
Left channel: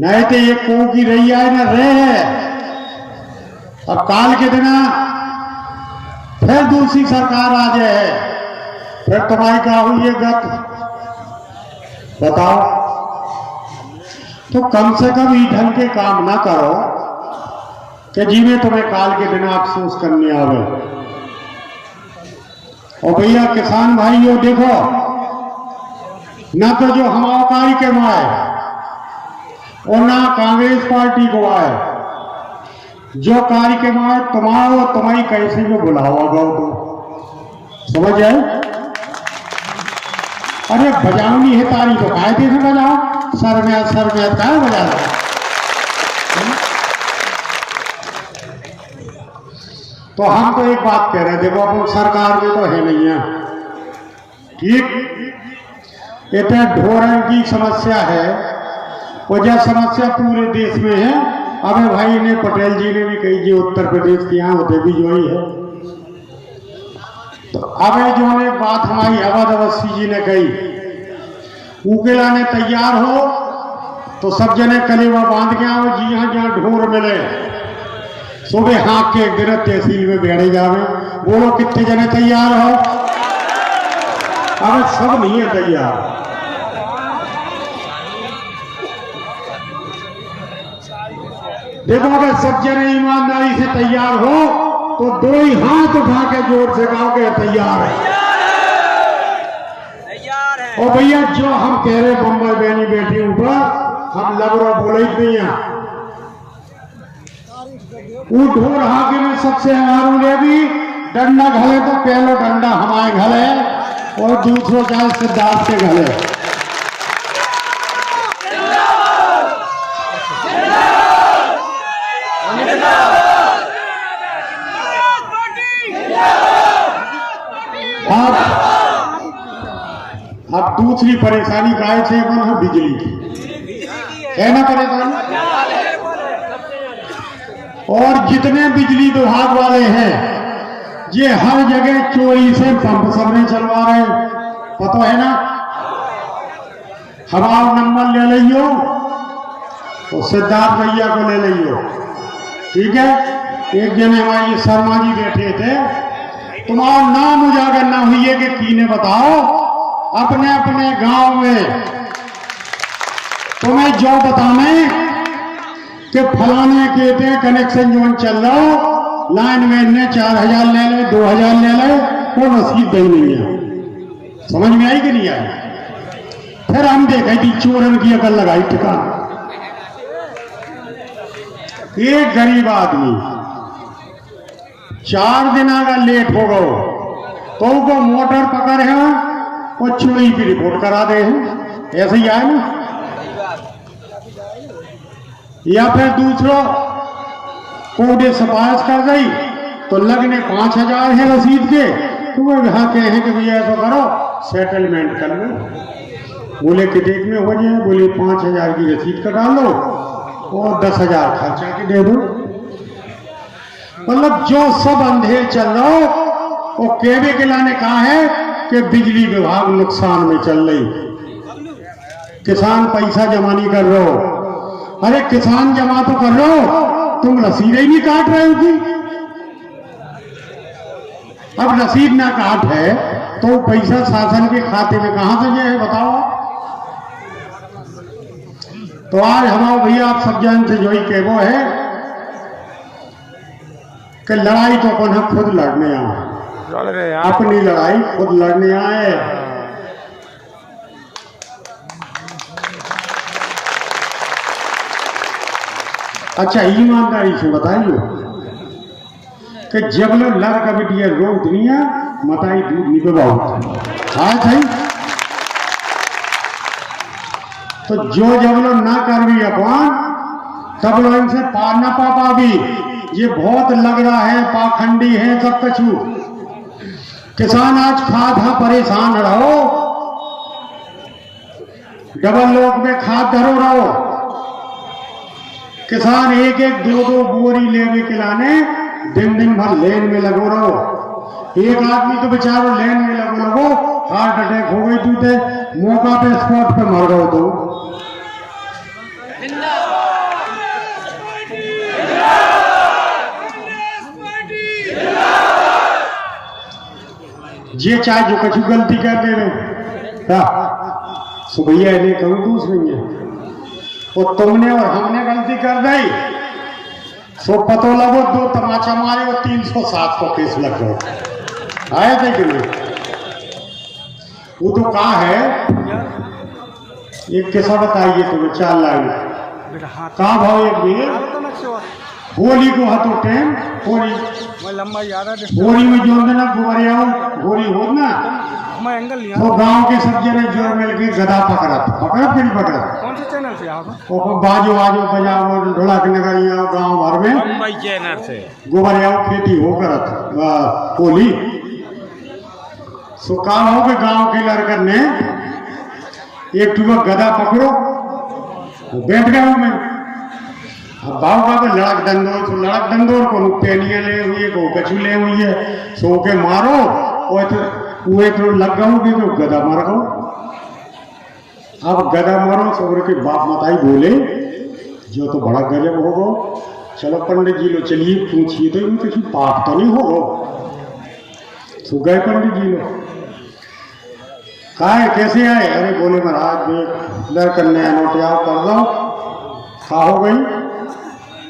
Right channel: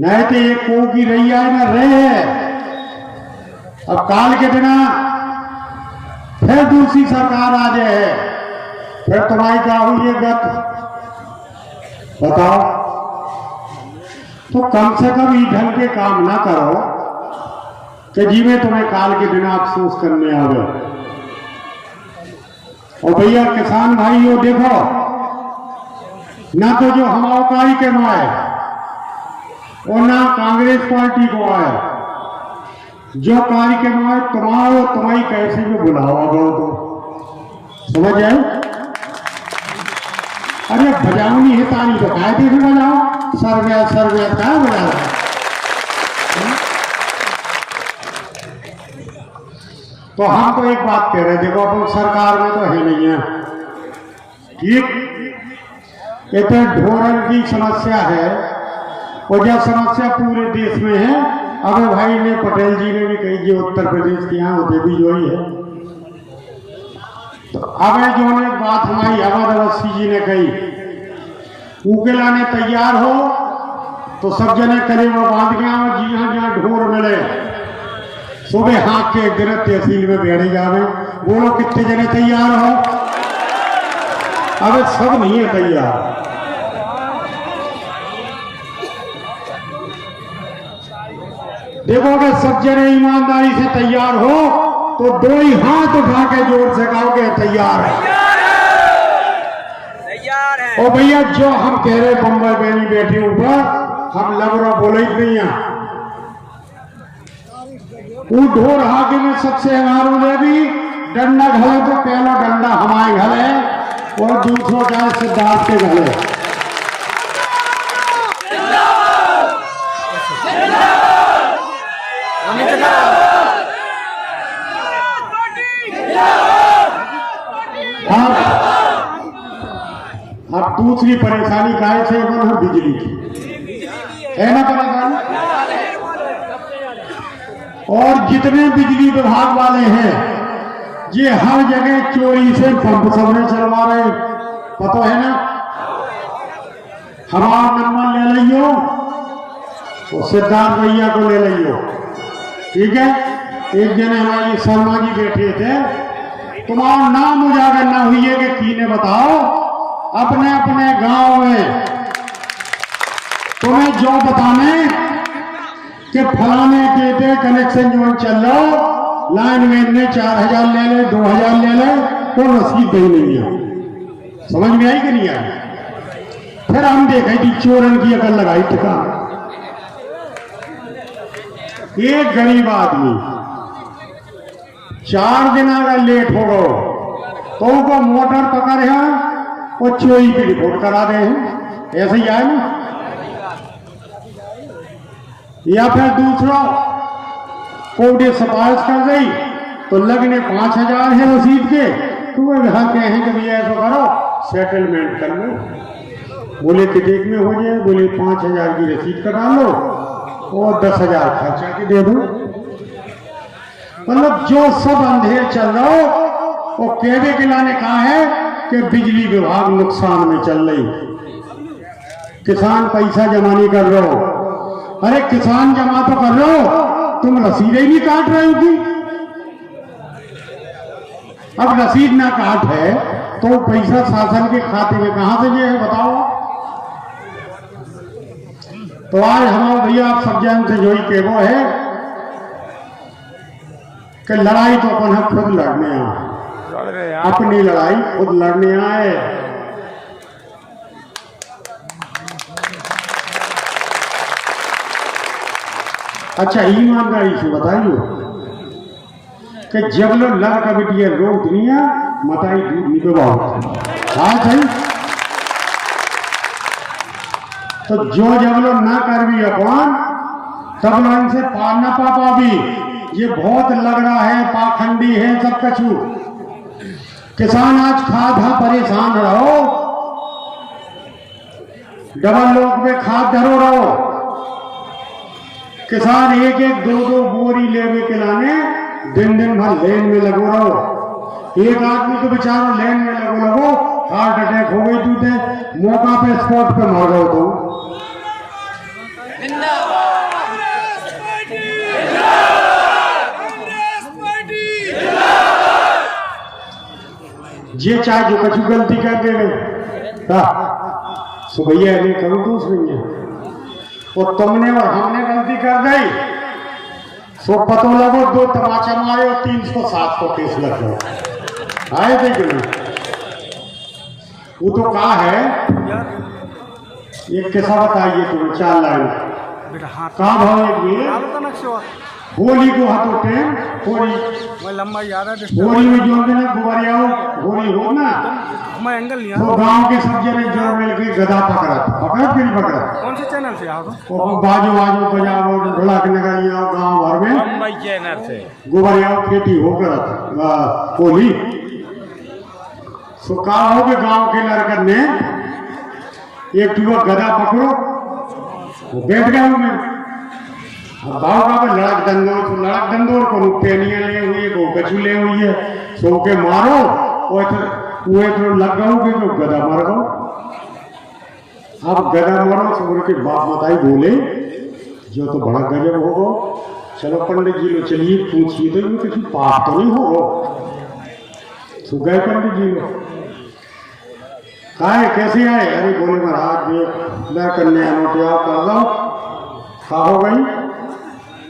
नहीं तो ये को की रही है ना रहे। अब काल के दिन फिर दूसरी सरकार आ जाए, फिर तुम्हारी क्या हुई है गत बताओ। तो कम से कम ये ढंग के काम ना करो कि जिन्हें तुम्हें काल के दिन अफसोस करने आवे। और भैया किसान भाइयों देखो, ना तो जो हमारे कार्य के में आए और ना कांग्रेस पार्टी को आए, जो कार्य के में तुम्हारी कैसे भी बुलाओ तो समझ है। अरे बजावनी है तारी तो कायदे से बजाओ, सरव्यात क्या बजा। तो हम तो एक बात कह रहे हैं, देखो अपन सरकार में तो है नहीं है ठीक। इतना ढोरण की समस्या है और यह समस्या पूरे देश में है। अबे भाई ने पटेल जी ने भी कही जो उत्तर प्रदेश के यहाँ होते भी जो ही है। तो अबे जो ने बात हमारी अवध अवस्थी जी ने कही, उकेला ने तैयार हो तो सब जने कलेवा बांध के आओ, जी हाँ जहाँ ढोर मिले सुबह हाँक के एक दिन तहसील में बैठे जावे। बोलो कितने जने तैयार हो? अरे सब नहीं है तैयार। देखो अगर सब जने ईमानदारी से तैयार हो तो दो ही हाथ उठा के जोर से कहोगे तैयार है। और भैया जो हम कह रहे बम्बई बहनी बेटी ऊपर हम लग रहा बोले ही नहीं है। वो ढोर हाथी में सबसे हमारों ने भी डंडा घले तो पहला डंडा हमारे घले और दूसरों का सिद्धार्थ के घले। अब दूसरी परेशानी काय से है बिजली की है ना परेशानी। और जितने बिजली विभाग वाले हैं ये हर जगह चोरी से पंप सबने चलवा रहे हैं, पता है ना। हमारा नंबर ले लियो तो सिद्धार्थ भैया को ले लियो, ठीक है। एक जने हमारी शर्मा जी बैठे थे, तुम्हारा नाम उजागर ना हुई है कि कीने बताओ अपने अपने गांव में तुम्हें जो बताने कि फलाने कहते कनेक्शन जो चल रहा लाइन में ने 4000 ले ले 2000 ले ले, कोई रसीद नहीं है। समझ में आई कि नहीं आई? फिर हम देखे थी चोरन की अकल लगाई ठिकाना। एक गरीब आदमी 4 दिन अगर लेट हो गए तो उनको मोटर पकड़ है और चोरी की रिपोर्ट करा दे हैं। ऐसे ही आए ना। या फिर दूसरों कोडे सिफारिश कर गई तो लगने 5,000 है रसीद के, तो वो यहाँ के हैं कि भैया ऐसा करो सेटलमेंट कर लो। बोले कितने में हो जाए? बोले 5,000 की रसीद कटा लो और 10,000 खर्चा के दे दो। मतलब जो सब अंधेर चल रहा हो वो केवे के लाने कहा है कि बिजली विभाग नुकसान में चल रही, किसान पैसा जमा नहीं कर रहे हो। अरे किसान जमा तो कर रहे हो, तुम रसीद ही नहीं काट रहे हो कि? अब रसीद ना काट है तो पैसा शासन के खाते में कहां से ये है बताओ। तो आज हमारे भैया आप सब जन से जो ही के वो है कि लड़ाई तो अपन हम खुद लड़ने आए, अपनी लड़ाई खुद लड़ने आए। अच्छा ईमानदारी से बताइए कि जब लोग लड़ कबड्डी रोक दुनिया मताई दूध निकलवाओ। हाँ सही। तो जो जब लोग ना कर भी अपन तब लोग इनसे पार ना पापा भी, ये बहुत लग रहा है पाखंडी है सब कछु। किसान आज खाद हा परेशान रहो, डबल लोग में खाद धरो रहो। किसान एक एक दो दो बोरी लेने के लाने दिन दिन भर लेन में लगो रहो। एक आदमी तो बेचारो लेन में लगो हार्ट अटैक हो गई तू थे, मौका पे स्पॉट पे मर गए तो। ये चाहे जो कुछ गलती कर दे रहे सो भैया इन्हें कहूँ दोष नहीं है, और तुमने और हमने गलती कर दी सो पतो लगो दो तमाचा मारे और 307 को केस लग गया। आए थे कि नहीं? वो तो कहा है एक किस्सा बताइए तुम्हें 4 लाइन कहा भाव एक भी होली को हाथों टेम होली लंबा याद है होली में जोड़ देना गोरी आओ होली हो ना मैं एंगल लिया वो गांव के सब जने जोड़ मिलके गधा पकड़ा कि नहीं पकड़ा? कौन से चैनल से आओ? वो बाजू बाजू बजाओ ढोलक नगारी आओ गांव भर में मुंबई चैनल से गोबरिया खेती हो करत होली सो कहा हो कि गांव के लड़कर ने एक टूबा गधा पकड़ो वो बैठ गया हूं मैं गाँव का लड़क दंदोर को पेनिया ले हुई को कछु ले हुई है सो के मारो और वो तो लग गया कि जो गधा मार गो। अब गधा मारो सब के बाप मताई बोले जो तो बड़ा गजब हो गो, चलो पंडित जी लो चलिए पूछिए तो इनमें किसी पाप तो नहीं हो गो। सो गए पंडित जी लो कहा कैसे आए? अरे बोले महाराज देख लड़कन ने नोटिया कर लो खा हो गई।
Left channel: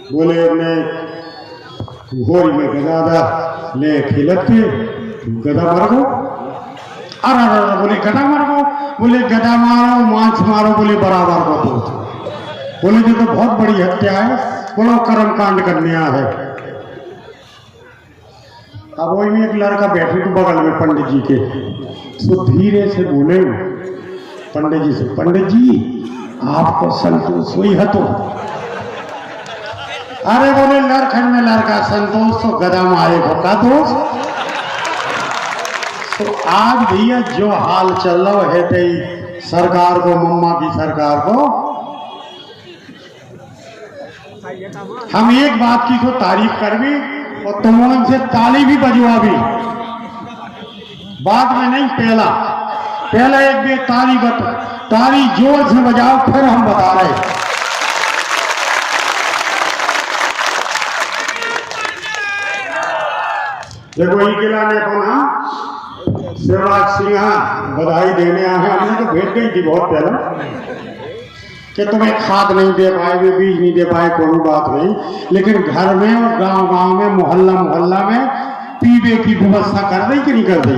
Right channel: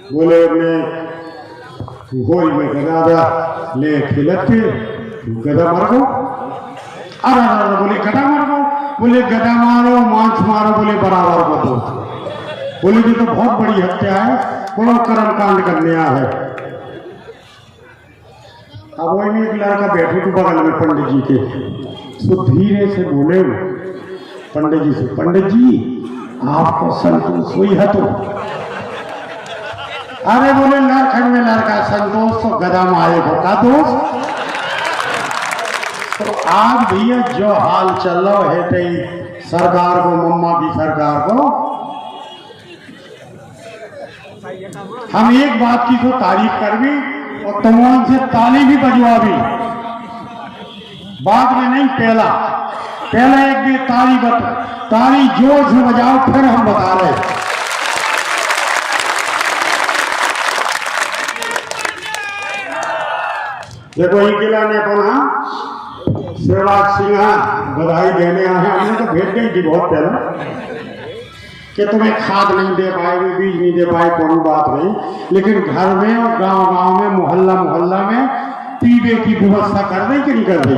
बोले मैं होली में गधा ले खिलते गधा मार गो। अरे बोले गधा मार गो, बोले गधा मारो मांस मारो बोले बराबर को दो। बोले जो तो बहुत बड़ी हत्या है, बड़ा कर्म कांड करने आया है। अब वही में एक लड़का बैठे थे बगल में पंडित जी के, सो धीरे से बोले पंडित जी से, पंडित जी आपको संतोष हुई है? तो अरे बोले लड़खंड में लड़का संतोष तो गधा मारे को का दोष। तो आज भैया जो हाल चल रहा है तई सरकार को मम्मा की सरकार को हम एक बात की तो तारीफ कर भी और तमाम से ताली भी बजवा भी, बाद में नहीं पहला एक भी ताली जोर से बजाओ फिर हम बता रहे। देखो ही खिलाने को ना शिवराज सिंह बधाई देने आए हैं। हमने तो भेज गई थी बहुत पहले कि तुम्हें खाद नहीं दे पाए, बीज नहीं दे पाए, कोई बात नहीं, लेकिन घर में और गांव में मोहल्ला में पीने की व्यवस्था कर दी कि नहीं कर दी?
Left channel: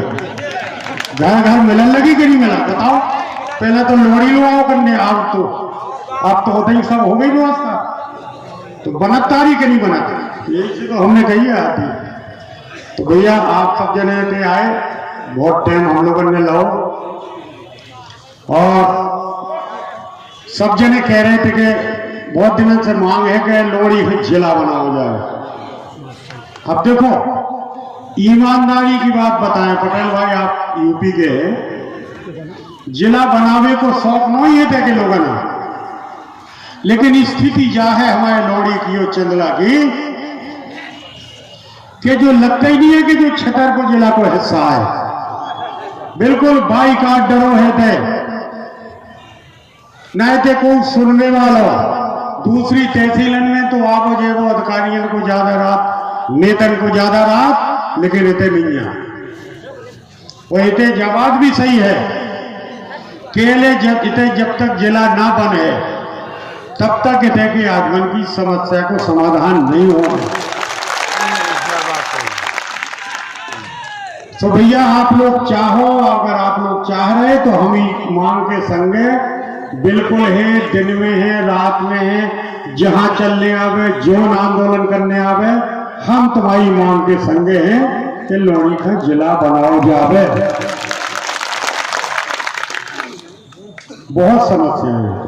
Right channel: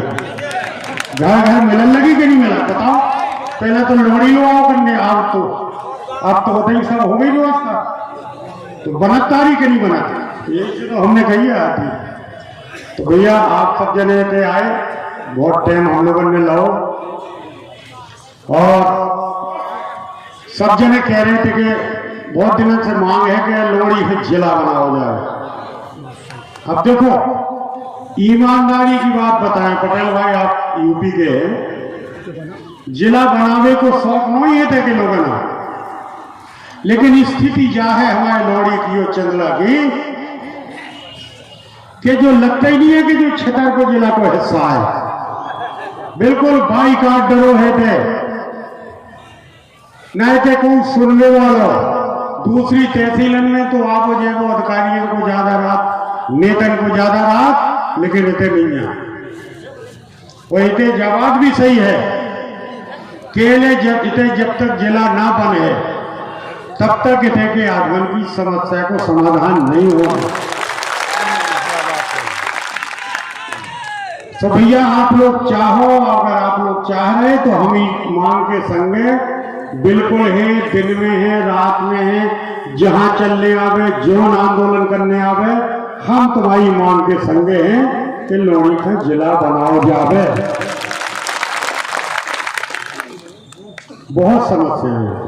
घर मिलन लगी कि नहीं मिला बताओ? पहले तो लोड़ी लो आओ करने, अब तो होते ही सब हो गई व्यवस्था, तो बनता रही कि नहीं बनता? यही से तो हमने कही है आती। तो भैया आप सब जने के आए, बहुत टाइम हम लोगों ने लो और सब जने कह रहे थे कि बहुत दिनों से मांग है कि लोहड़ी में जिला बनाया जाए। अब देखो ईमानदारी की बात बताएं पटेल भाई, आप यूपी के हैं, जिला बनावे को शौक नहीं है थे लोगों ने, लेकिन स्थिति जा है हमारे लोहड़ी की और चंदला की कि जो लगता ही नहीं है कि जो छतरपुर जिला को हिस्सा है, बिल्कुल बाईकाट डरो है थे, न थे कोई सुनने वाला। दूसरी तहसीलन में तो आप जो अधिकारियों को ज्यादा रात, नेतन को ज्यादा रात, लेकिन इतने नहीं है। वो इतने जवाब भी सही है, केले जब तक जिला ना बने तब तक इतने के आगमन की समस्या को समाधान नहीं होगा। तो भैया आप लोग चाहो, अगर आप लोग चाह रहे तो हम ही मांग के संगे बिल्कुल है, दिन में है, रात में है, जहां चलने आवे, जीवन आंदोलन करने आवे, हम तुम्हारी मांग के संगे हैं कि लोहड़ी का जिला बनाओ जावे। बहुत समस्याएं हैं।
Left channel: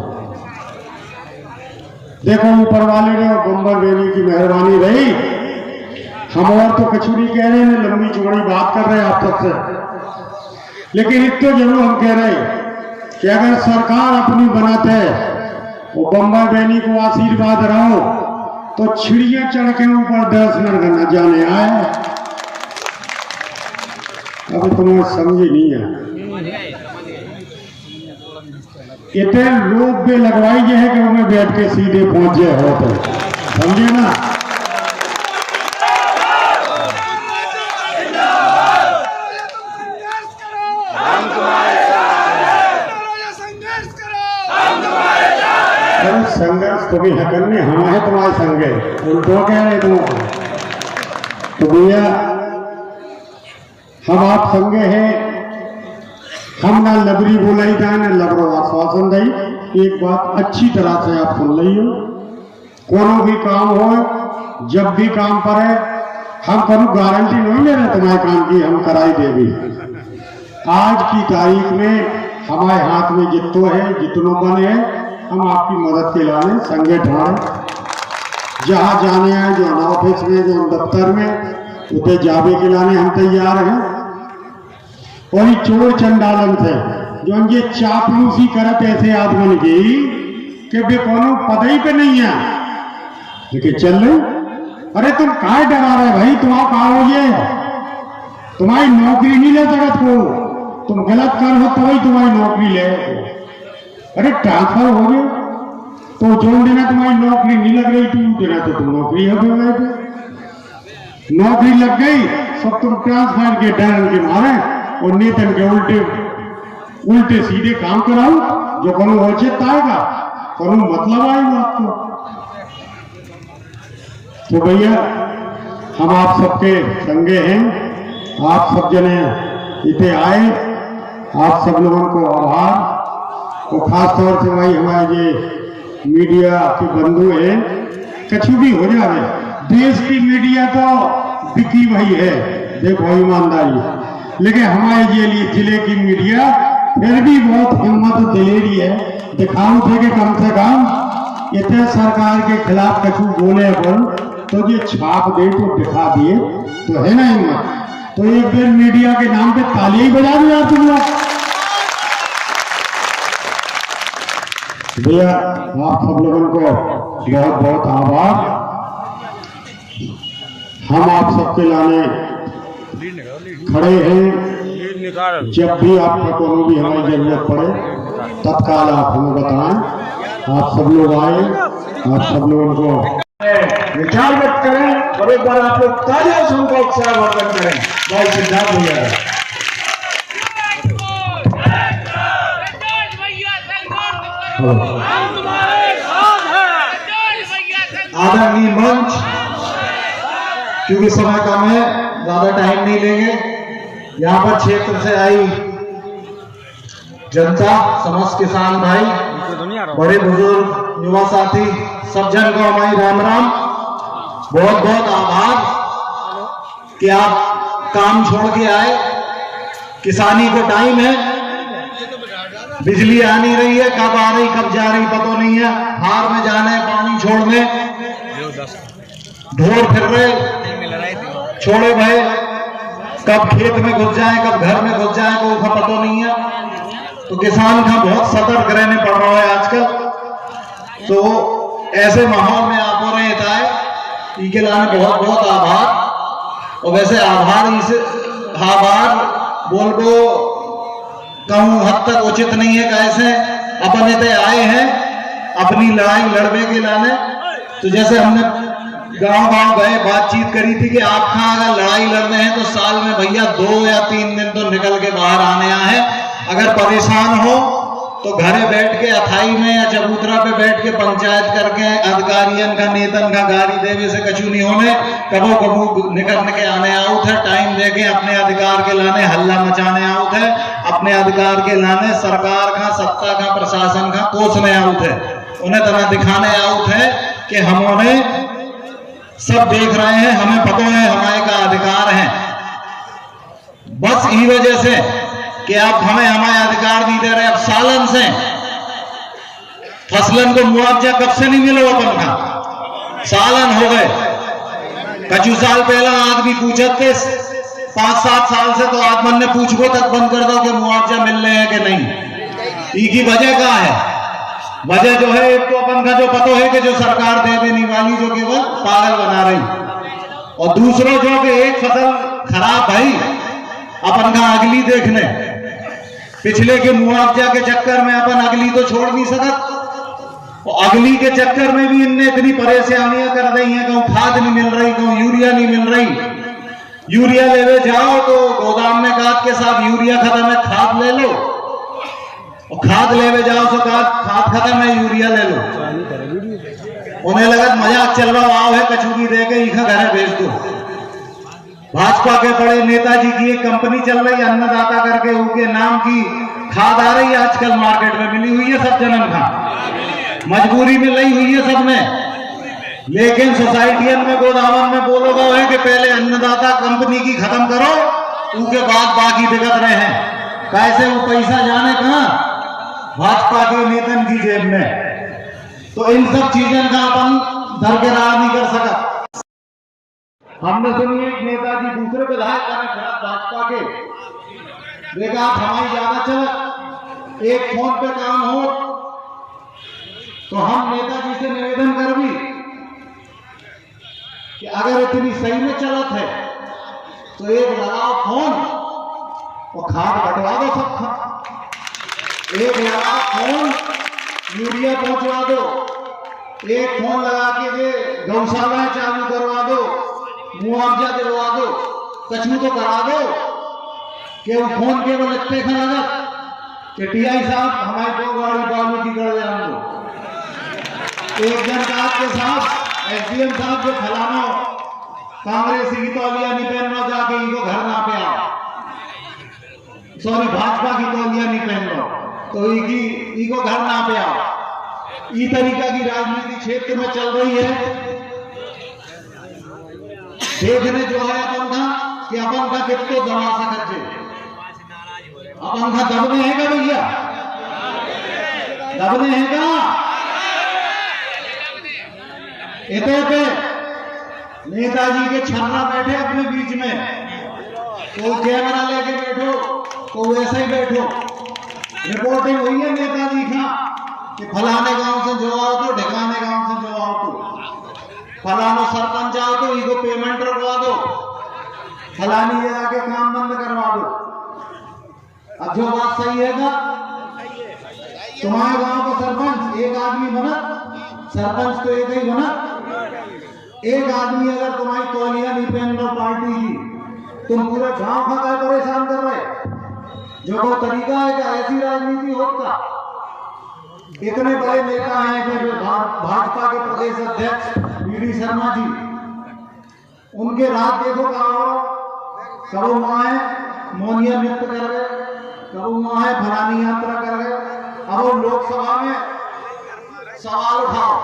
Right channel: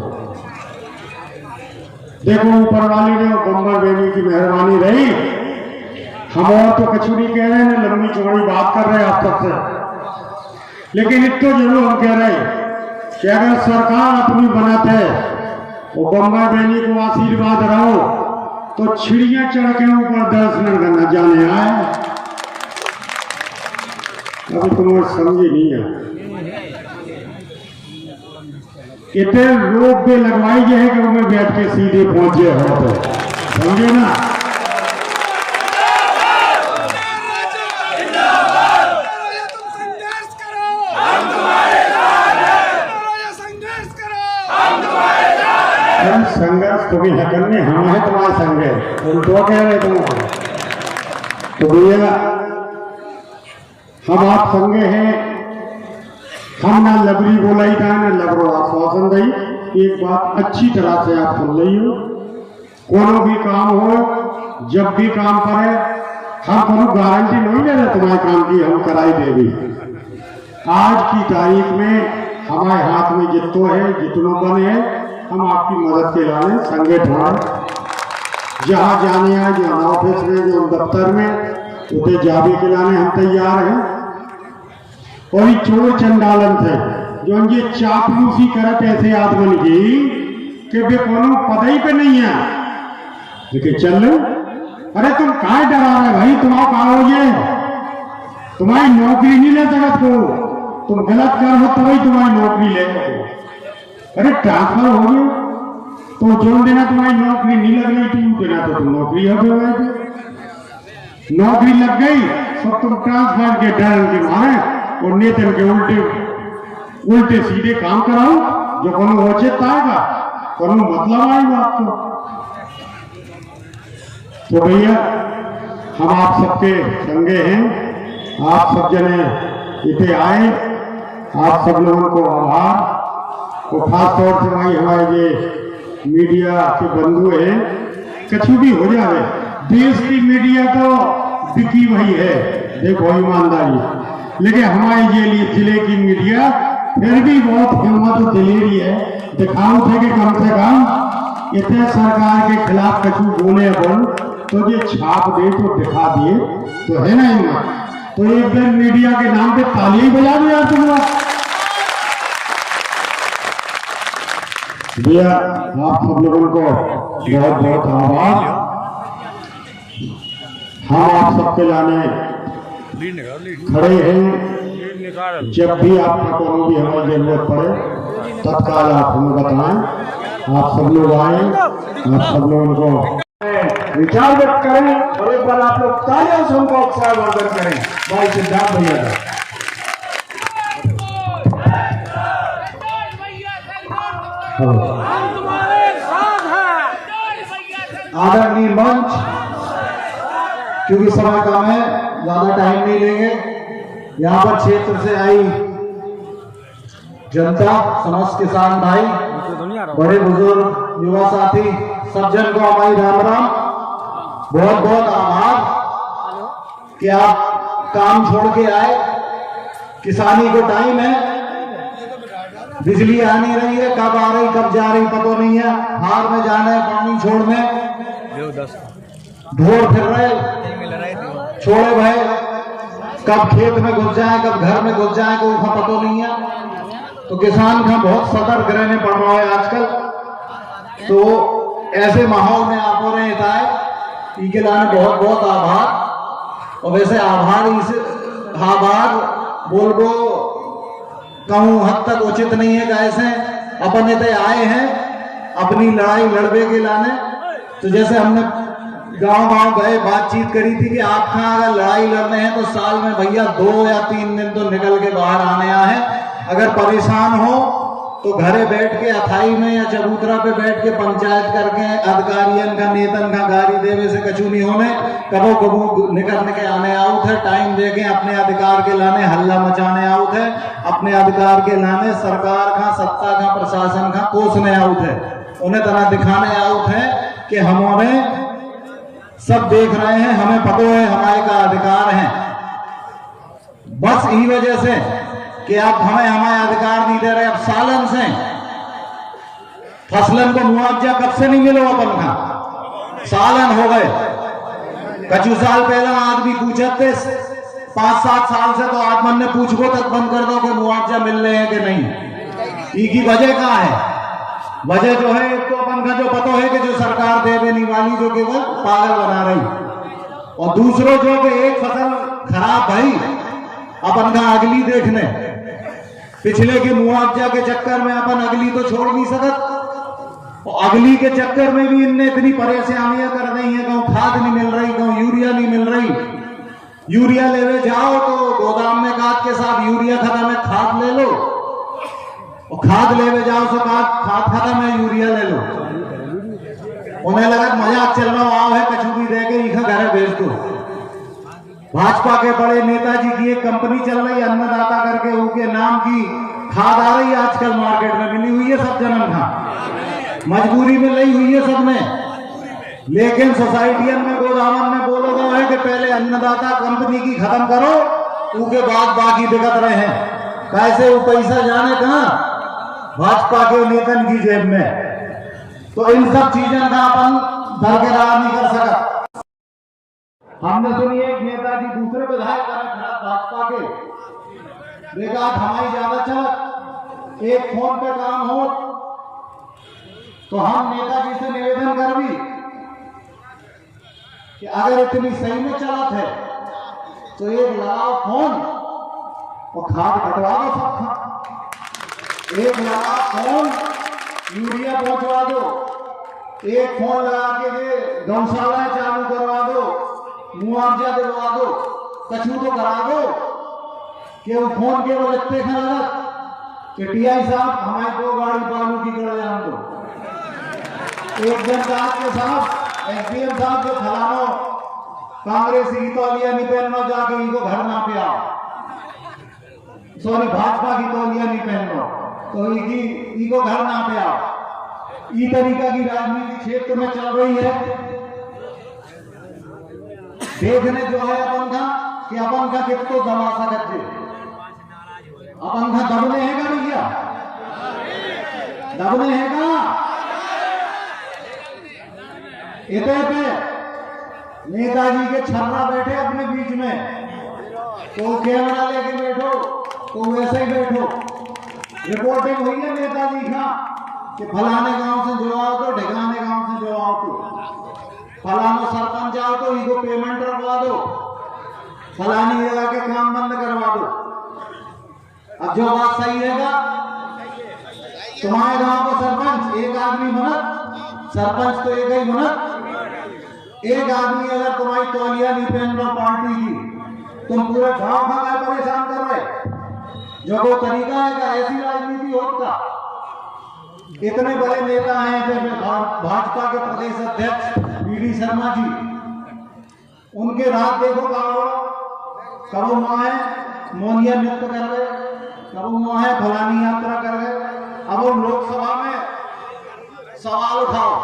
देखो ऊपर वाले ने बम्बर बेनी की मेहरबानी रही, हम और तो कछु नहीं कह रहे हैं, लंबी चौड़ी बात कर रहे हैं आप सबसे, लेकिन इतना जरूर हम कह रहे हैं कि अगर सरकार अपनी बनाते वो बम्बई बैनी को आशीर्वाद रहो तो चिड़िया चढ़ के ऊपर दर्शन करना जाने आए। अभी तुम समझे नहीं है, इतने रोप पे लगवाई है कि हमें बैठ के सीधे पहुंचे होते, समझे ना। संघर्ष को भी है करने, हम है तुम्हारे संगे, तुम तो क्या है तुम। तो भैया हम आप संगे हैं, हम ना लबरी बोलाई था ना लबरो आश्वासन दी। एक बात अच्छी तरह से आप सुन ली हो, कोनो भी काम हो, जब भी काम पड़े, हम कोनो गारंटी नहीं ले रहे तुम्हारे काम की, हम कराई देवी। आज की तारीख में हमारे हाथ में जितो है, जितनों बने हैं, हम आपकी मदद के लाने संगे ठहरे, जहां जाने आए, जो ऑफिस में, जो दफ्तर में, उसे जावे के लाने हम तैयार हैं। और चोर चंडालन थे जो ये चापलूसी करत ऐसे आदमी की कि वे कोनो पदई पे नहीं है, लेकिन चल लो। अरे तुम कहा डरा रहे भाई, तुम कहा हो गए, तुम्हारी नौकरी नहीं ले सकत को, तुम गलत कर हो तो वही तुम्हारी नौकरी ले। अरे ट्रांसफर हो गया तो जो देना तुम्हारी नौकरी नहीं लग रही थी, देना तो तुम नौकरी हो गए थे, नौकरी लग गई सब तुम ट्रांसफर के डर के मारे और नेतन के उल्टे सीधे काम कराओ, जो कोनो औचित्य आएगा, कोनो मतलब आएगा आपको। तो भैया हम आप सबके संगे हैं, आप सब जने इतने आए, आप सब लोगों को आभार। तो खास तौर से भाई हमारे ये मीडिया के बंधु हैं, कछु भी हो जाए, देश की मीडिया तो बिकी भाई है, देखो ईमानदारी, लेकिन हमारे ये जिले की मीडिया फिर भी बहुत हिम्मत दिलेरी है, दिखाओ थे कि कम से कम इतने सरकार के खिलाफ कछु बोले बोल तो ये छाप दे तो दिखा दिए तो है ना हिम्मत। तो एक बार मीडिया के नाम पे ताली ही बजा दो यार तुम लोग। भैया आप सब लोगों को बहुत बहुत आभार। हम आप सबके लाने खड़े हैं, जब भी आपका कोई भी हमें जरूरत पड़े तत्काल आप हमें बताएं। आप सब लोग आए, आप सब लोगों को विचार व्यक्त करें और एक बार आप लोग तालियों से उनको उत्साह वर्धन करें। बहुत सिद्धांत धन्यवाद। आदरणीय मंच, क्योंकि समय कम है, ज्यादा टाइम नहीं लेंगे। यहाँ पर क्षेत्र से आई जनता, समस्त किसान भाई, बड़े बुजुर्ग, युवा साथी, सब जन को हमारी राम राम। बहुत बहुत आभार कि आप काम छोड़ के आए, किसानी को टाइम है। बिजली आ नहीं रही है, कब आ रही कब जा रही पता नहीं है। हार में जाना है पानी छोड़ने, ढोर फिर रहे छोड़े भाई, कब खेत में घुस जाए कब घर में घुस जाए को उसका पता नहीं है। तो किसान का बहुत सतर्क रहने पड़ रहा है आजकल। तो ऐसे माहौल में आप हो रहे है इनके लाने बहुत बहुत आभार। और वैसे आभार इस आभार बोल को कहूँ हद तक उचित नहीं है। कैसे अपन इतने आए हैं अपनी लड़ाई लड़ने के लाने, तो जैसे हमने गांव गए बातचीत करी थी कि आपका अगर लड़ाई लड़ने हैं तो साल में भैया 2 या 3 दिन तो निकल के बाहर आने हैं। अगर परेशान हो तो घरे बैठ के अथाई में या चबूतरा पे बैठ के पंचायत करके अधिकारियन का नेतन का गाड़ी देवे से कछु नहीं होने। कबो कबो निकल के आने आउत है, टाइम देके अपने अधिकार के लाने हल्ला मचाने आउत है, अपने अधिकार के लाने सरकार का सत्ता का प्रशासन का कोसने आउत है, उन्हें तरह दिखाने आउत है कि हमारे सब देख रहे हैं, हमें पता है हमारे का अधिकार है। बस इसी वजह से कि आप हमें हमारे अधिकार दी दे रहे। अब सालन से फसलन को मुआवजा कब से नहीं मिलो अपन का, सालन हो गए। कछु साल पहला आदमी पूछते थे 5-7 साल से तो आदमन ने पूछो तक बंद कर दो कि मुआवजा मिल रहे हैं कि नहीं। इसकी वजह क्या है? वजह जो है एक तो अपन का जो पता है कि जो सरकार दे देने वाली जो कि वो पागल बना रही, और दूसरों जो कि एक फसल खराब है अपन का अगली देखने पिछले के मुआवजा के चक्कर में अपन अगली तो छोड़ नहीं सकत। और अगली के चक्कर में भी इनने इतनी परेशानियां कर रही हैं, कहूँ खाद नहीं मिल रही, कहूँ यूरिया नहीं मिल रही। यूरिया लेवे जाओ तो गोदाम में काट के साथ यूरिया खत्म है खाद ले लो, और खाद लेवे जाओ तो खाद खत्म है यूरिया ले लो। उन्हें लगा मजाक चल रहा आओ है कचूरी दे के इखा घरे भेज दो। भाजपा के बड़े नेताजी की एक कंपनी चल रही है अन्नदाता करके, उनके नाम की खाद आ रही है आजकल मार्केट में, मिली हुई है सब जनन का, मजबूरी में लई हुई है सब में। लेकिन सोसाइटियन में गोदामन में बोलोगा है कि पहले अन्नदाता कंपनी की खत्म करो, उसके बाद बाकी दिक्कत रहे हैं। कैसे वो पैसा जाने कहां? भाजपा के नेतन की जेब में। तो इन सब चीजों का अपन दरकिरार नहीं कर सका। हमने सुनी एक नेताजी दूसरे विधायक बने भाजपा के, देखा आप हमारी ज्यादा चल एक फोन पे काम हो तो हम नेताजी से निवेदन कर भी कि अगर इतनी सही में चलत है तो एक लगाओ फोन और खाद बंटवा दो सब। एक लगाओ फोन यूरिया पहुंचवा दो, एक फोन लगा के गौशालाएं चालू करवा दो, मुआवजा दिलवा दो, कछु तो करा दो। कि वो फोन केवल इतने का लगत कि टीआई साहब हमारी 2 गाड़ी बालू की कर जान दो। एक जन के साथ एसडीएम साहब जो फलाना कांग्रेस की तौलिया नहीं पहनना जाके इनको घर ना पे आओ, सॉरी भाजपा की तौलिया नहीं पहनो तो इनको घर ना पे आओ। इस तरीका की राजनीति क्षेत्र में चल रही है। देखने जो है अपन का कि अपन का कितने दबा सकते, अपन का दबने है क्या भैया? दबने है क्या? इतने पे नेताजी के छन्ना बैठे अपने बीच में, तो कैमरा लेके बैठो तो वैसे ही बैठो। रिपोर्टिंग हुई है नेताजी का कि फलाने गांव से जो आओ तो ढिकाने गांव से जो आओ तो फलाना सरपंच आओ तो इनको पेमेंट रखवा दो, फलानी जगह के काम बंद करवा दो। अब जो बात सही है ना, तुम्हारे गांव का सरपंच एक आदमी बनत, सरपंच तो एक ही बनत। एक आदमी अगर तुम्हारी तौलिया नहीं पहन लो पार्टी की, तुम पूरे गांव का क्या परेशान कर रहे? जो वो तरीका है कि ऐसी राजनीति होता। इतने बड़े नेता हैं जब भाजपा के प्रदेश अध्यक्ष वी.डी. शर्मा जी, उनके रात देखो कब वहां मोनिया नृत्य कर रहे, कब वहां फलानी यात्रा कर रहे। अब वो लोकसभा में सवाल उठाओ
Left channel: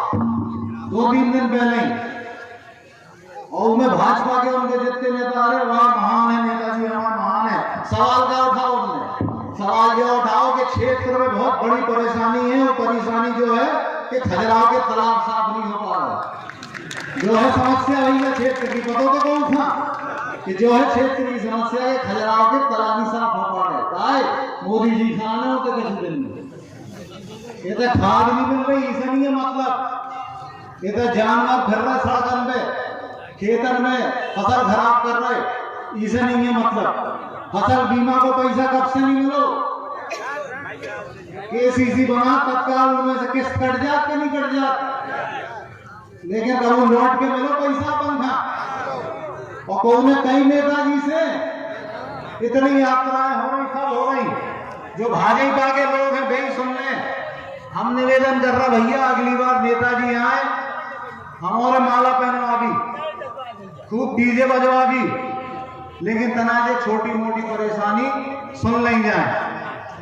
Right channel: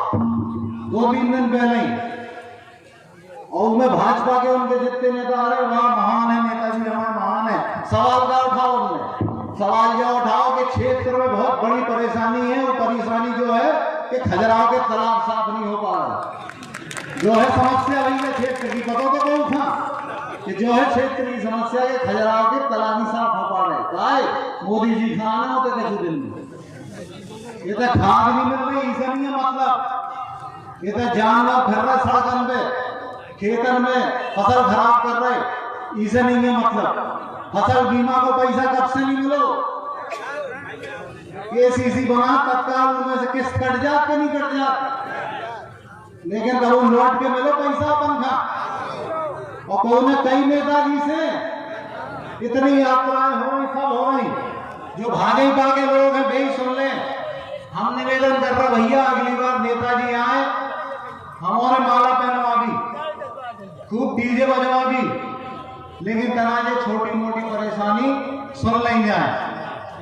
2-3 दिन पहले ही, और उनमें भाजपा के उनके जितने नेता आ रहे वहां महान है नेताजी, हमारा महान है। सवाल क्या उठाओ? उन्होंने सवाल ये उठाओ कि 6 क्षेत्र में बहुत बड़ी परेशानी है। वो परेशानी जो है कि खजुराहो के तालाब साफ नहीं हो पा रहा, जो है समस्या आई है क्षेत्र की। पता तो कौन था कि जो है क्षेत्र की समस्या है खजुराहो के तालाब ही साफ हो पा रहे। मोदी जी खाने होते थे कुछ दिन में, ये तो खाद नहीं मिल रही, इसे नहीं है मतलब। ये तो जानवर फिर रहे सड़क पे, खेतन में फसल खराब कर रहे, इसे नहीं है मतलब। फसल बीमा को पैसा कब से नहीं मिलो, केसीसी बना तत्काल उनमें से किस्त कट जात के नहीं कट जात, लेकिन कभी लौट के मिलो पैसा पंखा। और कौन कई नेताजी से इतनी यात्राएं हो रही, सब हो रही, जो भाजपा के लोग हैं वे सुन ले। हम निवेदन कर रहा भैया अगली बार नेताजी आए, हमारे माला पहनवागी, खूब डीजे बजवागी, लेकिन तनाजे छोटी मोटी परेशानी सुन नहीं जाए।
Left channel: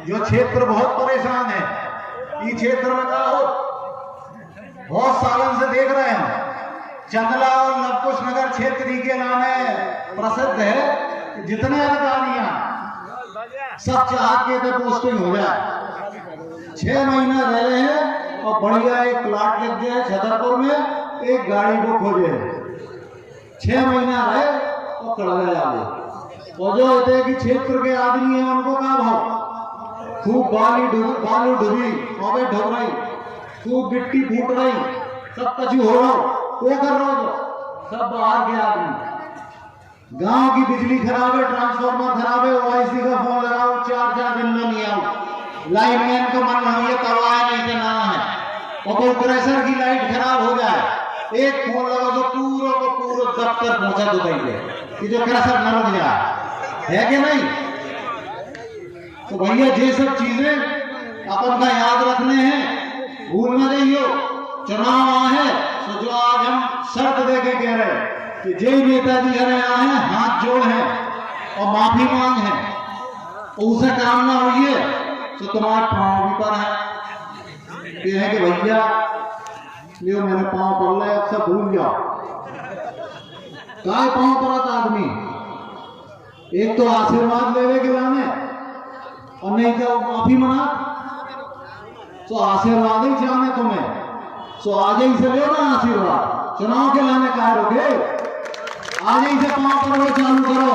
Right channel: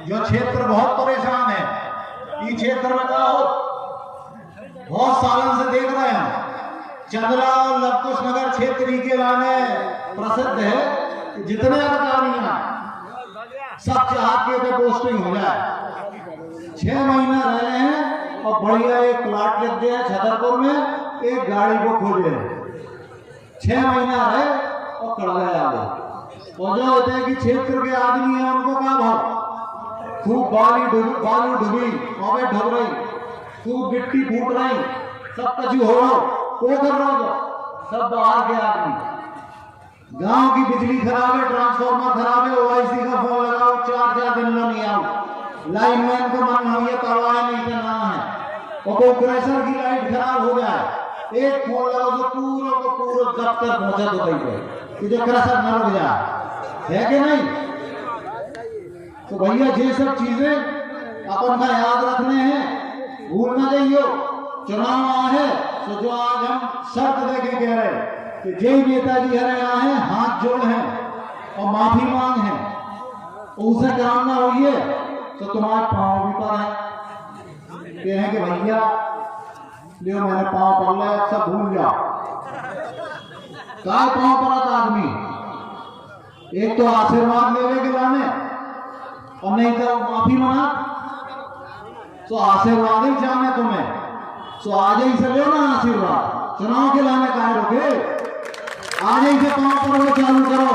जो क्षेत्र बहुत परेशान है, ये क्षेत्र में क्या हो बहुत सालों से देख रहे हैं। चंदला और लवकुश नगर क्षेत्र के लाने प्रसिद्ध है। जितने अधिकारियां सब चाहते हैं पोस्टिंग हो जाए। 6 महीना रह रहे हैं और बढ़िया एक प्लाट लिख दिया छतरपुर में, एक गाड़ी को खोजे। 6 महीना रहे और कड़वे आ गए। और जो होते हैं कि क्षेत्र के आदमी हैं उनको क्या भाव, खूब बालू डूबी कौवे ढोब रही, खूब गिट्टी फूट रही, सब कछु हो रहा वो कर रहा हो, सब बाहर के आदमी। गांव की बिजली खराब है, ट्रांसफार्मर खराब है, ओआईसी का फोन लगाओ 4-4 दिन में नहीं आओ। लाइन मैन को मन नहीं है, करवाए नहीं तो ना है। और तो प्रेशर की लाइट खराब हो जाए, एक फोन लगाओ जो पूरा को पूरा दफ्तर पहुंचा दो कि जो प्रेशर न रुक जाए, है कि नहीं। तो भैया ये सब चीजें अपन का याद रखने हैं, भूल न जाइयो। चुनाव आए हैं तो जो आज हम शर्त दे के कह रहे हैं कि जे नेताजी हरे आए हैं हाथ जोड़ हैं और माफी मांग है, उसे काम ना हुई है तो तुम्हारे पाँव भी पर है। ये है कि भैया लियो मैंने पाँव पड़ लिया, अब सब भूल जाओ। काय पाँव पड़ा था आदमी, एक तो आशीर्वाद लेवे के लाने और नहीं तो माफी मांगा। तो आशीर्वाद ही चाहने तुम्हें, तो आज ही से ले ना आशीर्वाद। चुनाव के लाने कहा रोके, आज ही से पाँव पड़ना चालू करो।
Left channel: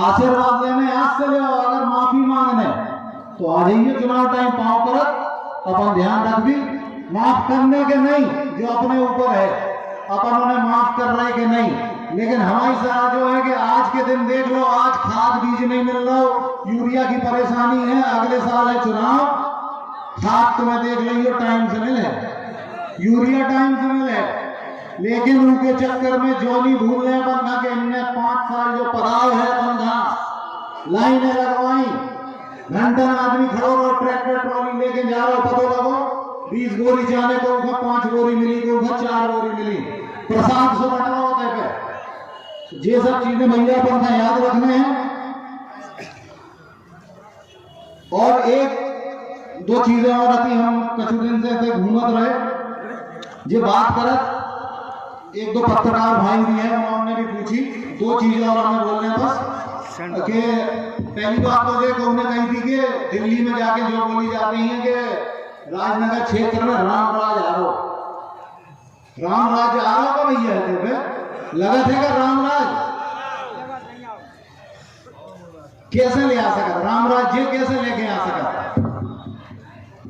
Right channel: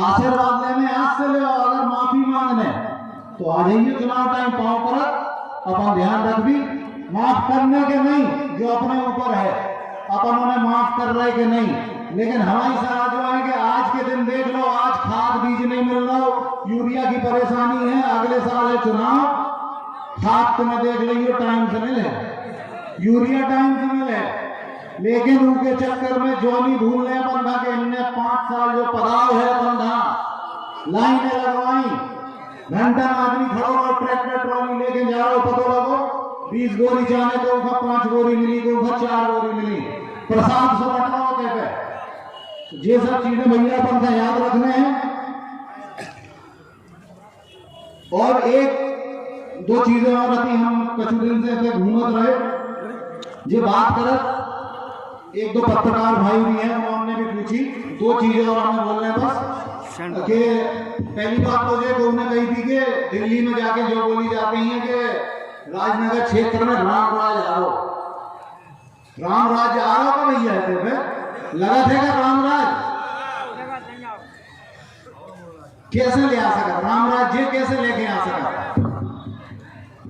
आशीर्वाद लेने आज से ले, अगर माफी मांगने तो आ जाइए चुनाव टाइम पाँव पर। अपन ध्यान रख भी, माफ करने के नहीं, जो अपने ऊपर है अपन उन्हें माफ कर रहे कि नहीं। लेकिन हमारी सलाह जो है कि आज के दिन देख लो, आज खाद बीज नहीं मिल रहा, यूरिया की परेशानी है, अगले साल है चुनाव, खाद तुम्हें देख लियो टाइम से मिले, यूरिया टाइम से मिले, लेकिन उनके चक्कर में जो नहीं भूल रहे बंधा के इनने 5 साल जो पड़ाव है बंधा लाइनें लगवाई, घंटा आदमी खड़ो रहो, ट्रैक्टर ट्रॉली लेके जा रहा हो, पता लगो 20 गोरी जाने तो 5 गोरी मिली, तो 4 गोरी मिली, प्रसाद से बट रहा होता है। ये सब चीजें भैया अपन याद रखने हैं। और एक दो चीजें और रहती, हम कुछ दिन से ऐसे घूमत रहे, ये बात करत 1-2 पत्रकार भाई भी हैं, उन्होंने भी पूछी 2 चीजें और हमें बोल रहे हैं बस। कि पहली बात तो ये उन्होंने कही थी कि दिल्ली में जाके जो बोली जाती है कि राजनगर क्षेत्र में राम राज आ रहा, राम राज आ रहा का भैया है लगा थे का राम राज कैसे ले आ सका, राम राज्य कैसे लेके आ सका।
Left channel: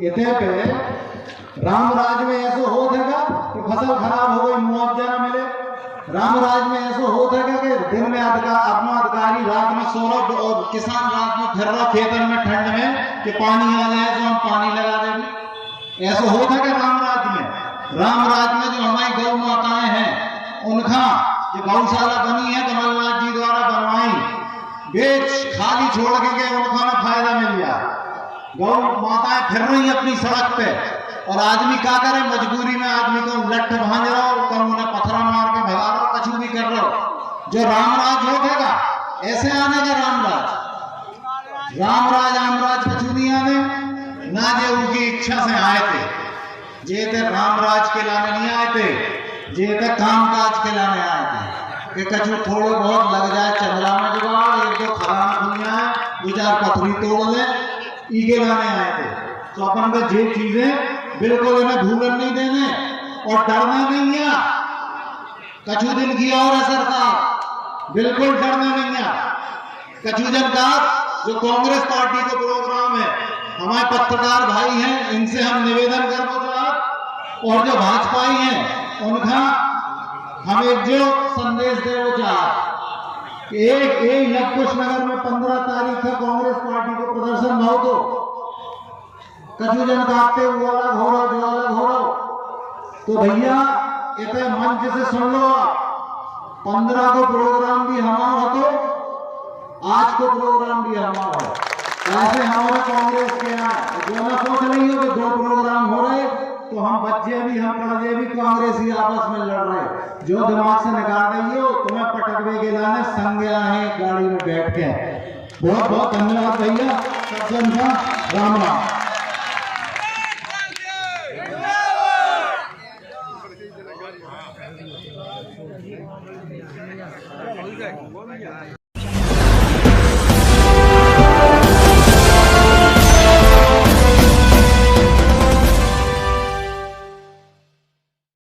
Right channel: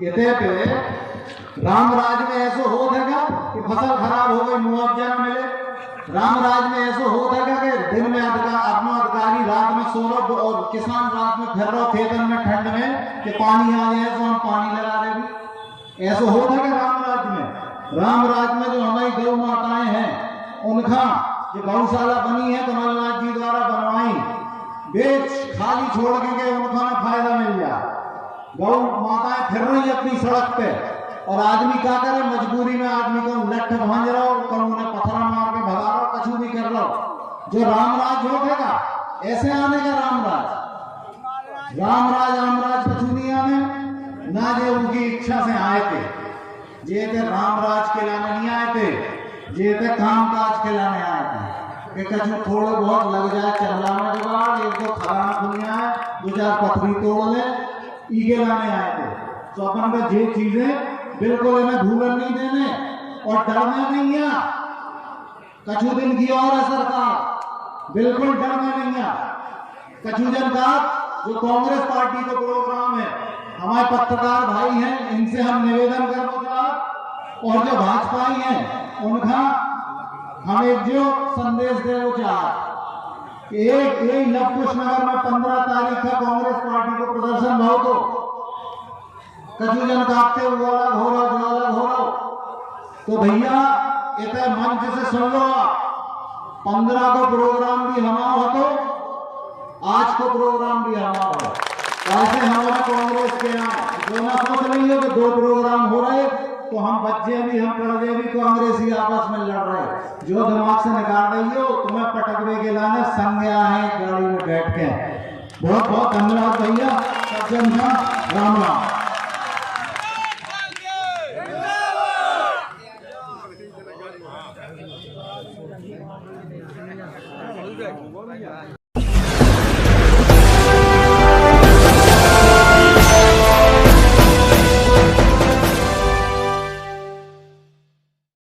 इतने पे राम राज में ऐसा हो था कि फसल खराब हो गई मुआवजा न मिले, राम राज में ऐसा हो था कि दिन में अपना अधिकारी रात में सो रहा और किसान रात में फिर रहा खेतन में ठंड में कि पानी आ जाए तो हम पानी लगा देंगे। ऐसा हो था कि राम राज में जो हमारी गौ माताएं हैं उनका जो गौशाला बनी है कमलनाथ जी द्वारा बनवाई, बेच खाली छोड़ के उनको ना फायदा मिल जाए। गौ माताएं फिर रही अपनी सड़क पे और आदमी क्या करे, मजबूरी में आदमी को लठ भांज रहा हो, कल उन्हें पत्थर मार के भगा रहा हो, कछु भी कर रहा हो। जो रामराज होगा ऐसे आने का रामराज कछु नहीं आने ना, जो उनकी इच्छा से आए थे, जे थे रामराज के लाने नहीं आए थे, जे थे काम काज के लाने आए थे कि कछु थोड़े बहुत लग जाए चंद्रा में जुगाड़, एक दो खराना खुल जाए, 2-4 पथरी तोड़ ले ईगे लाने आए थे। तो अपन का ये चीजें बिल्कुल इन्हें भूलन नहीं देने और डरना नहीं है। कछु दिन की और है सरकार, बिल्कुल डरना नहीं है। कछु दिन का जो कांग्रेस पार्टी का प्रोग्राम है, हमारे पत्रकार भाई हैं, इनसे हम निवेदन करना चाहते और जो भाजपाई हैं उनका हम एक जो संदेश दे वो चाहते कि एक लवकुश नगर में 15 तारीख का कांग्रेस पार्टी को प्रदर्शन भाव तो कछु जन काटते वो अलग हो रहा, जो अलग हो रहा, तो भैया इतने मंच से सुन लो आप, 15 को प्रोग्राम भी हमारा तो आज को प्रोग्राम भी हमारा हो। ऐसे हमारा कांग्रेस के यहाँ जो ना सोच नहीं हो कि 2 प्रोग्राम हो रहे तो हम बच्चे भी हम पढ़े भी कांग्रेसी आपस में लड़ रहे, जो दिमाग से निकाल रही हो तुम्हें पटकवे के लाने संग आए गाड़ी में बैठ के। बहुत बहुत धन्यवाद भैया, सबसे राम राम।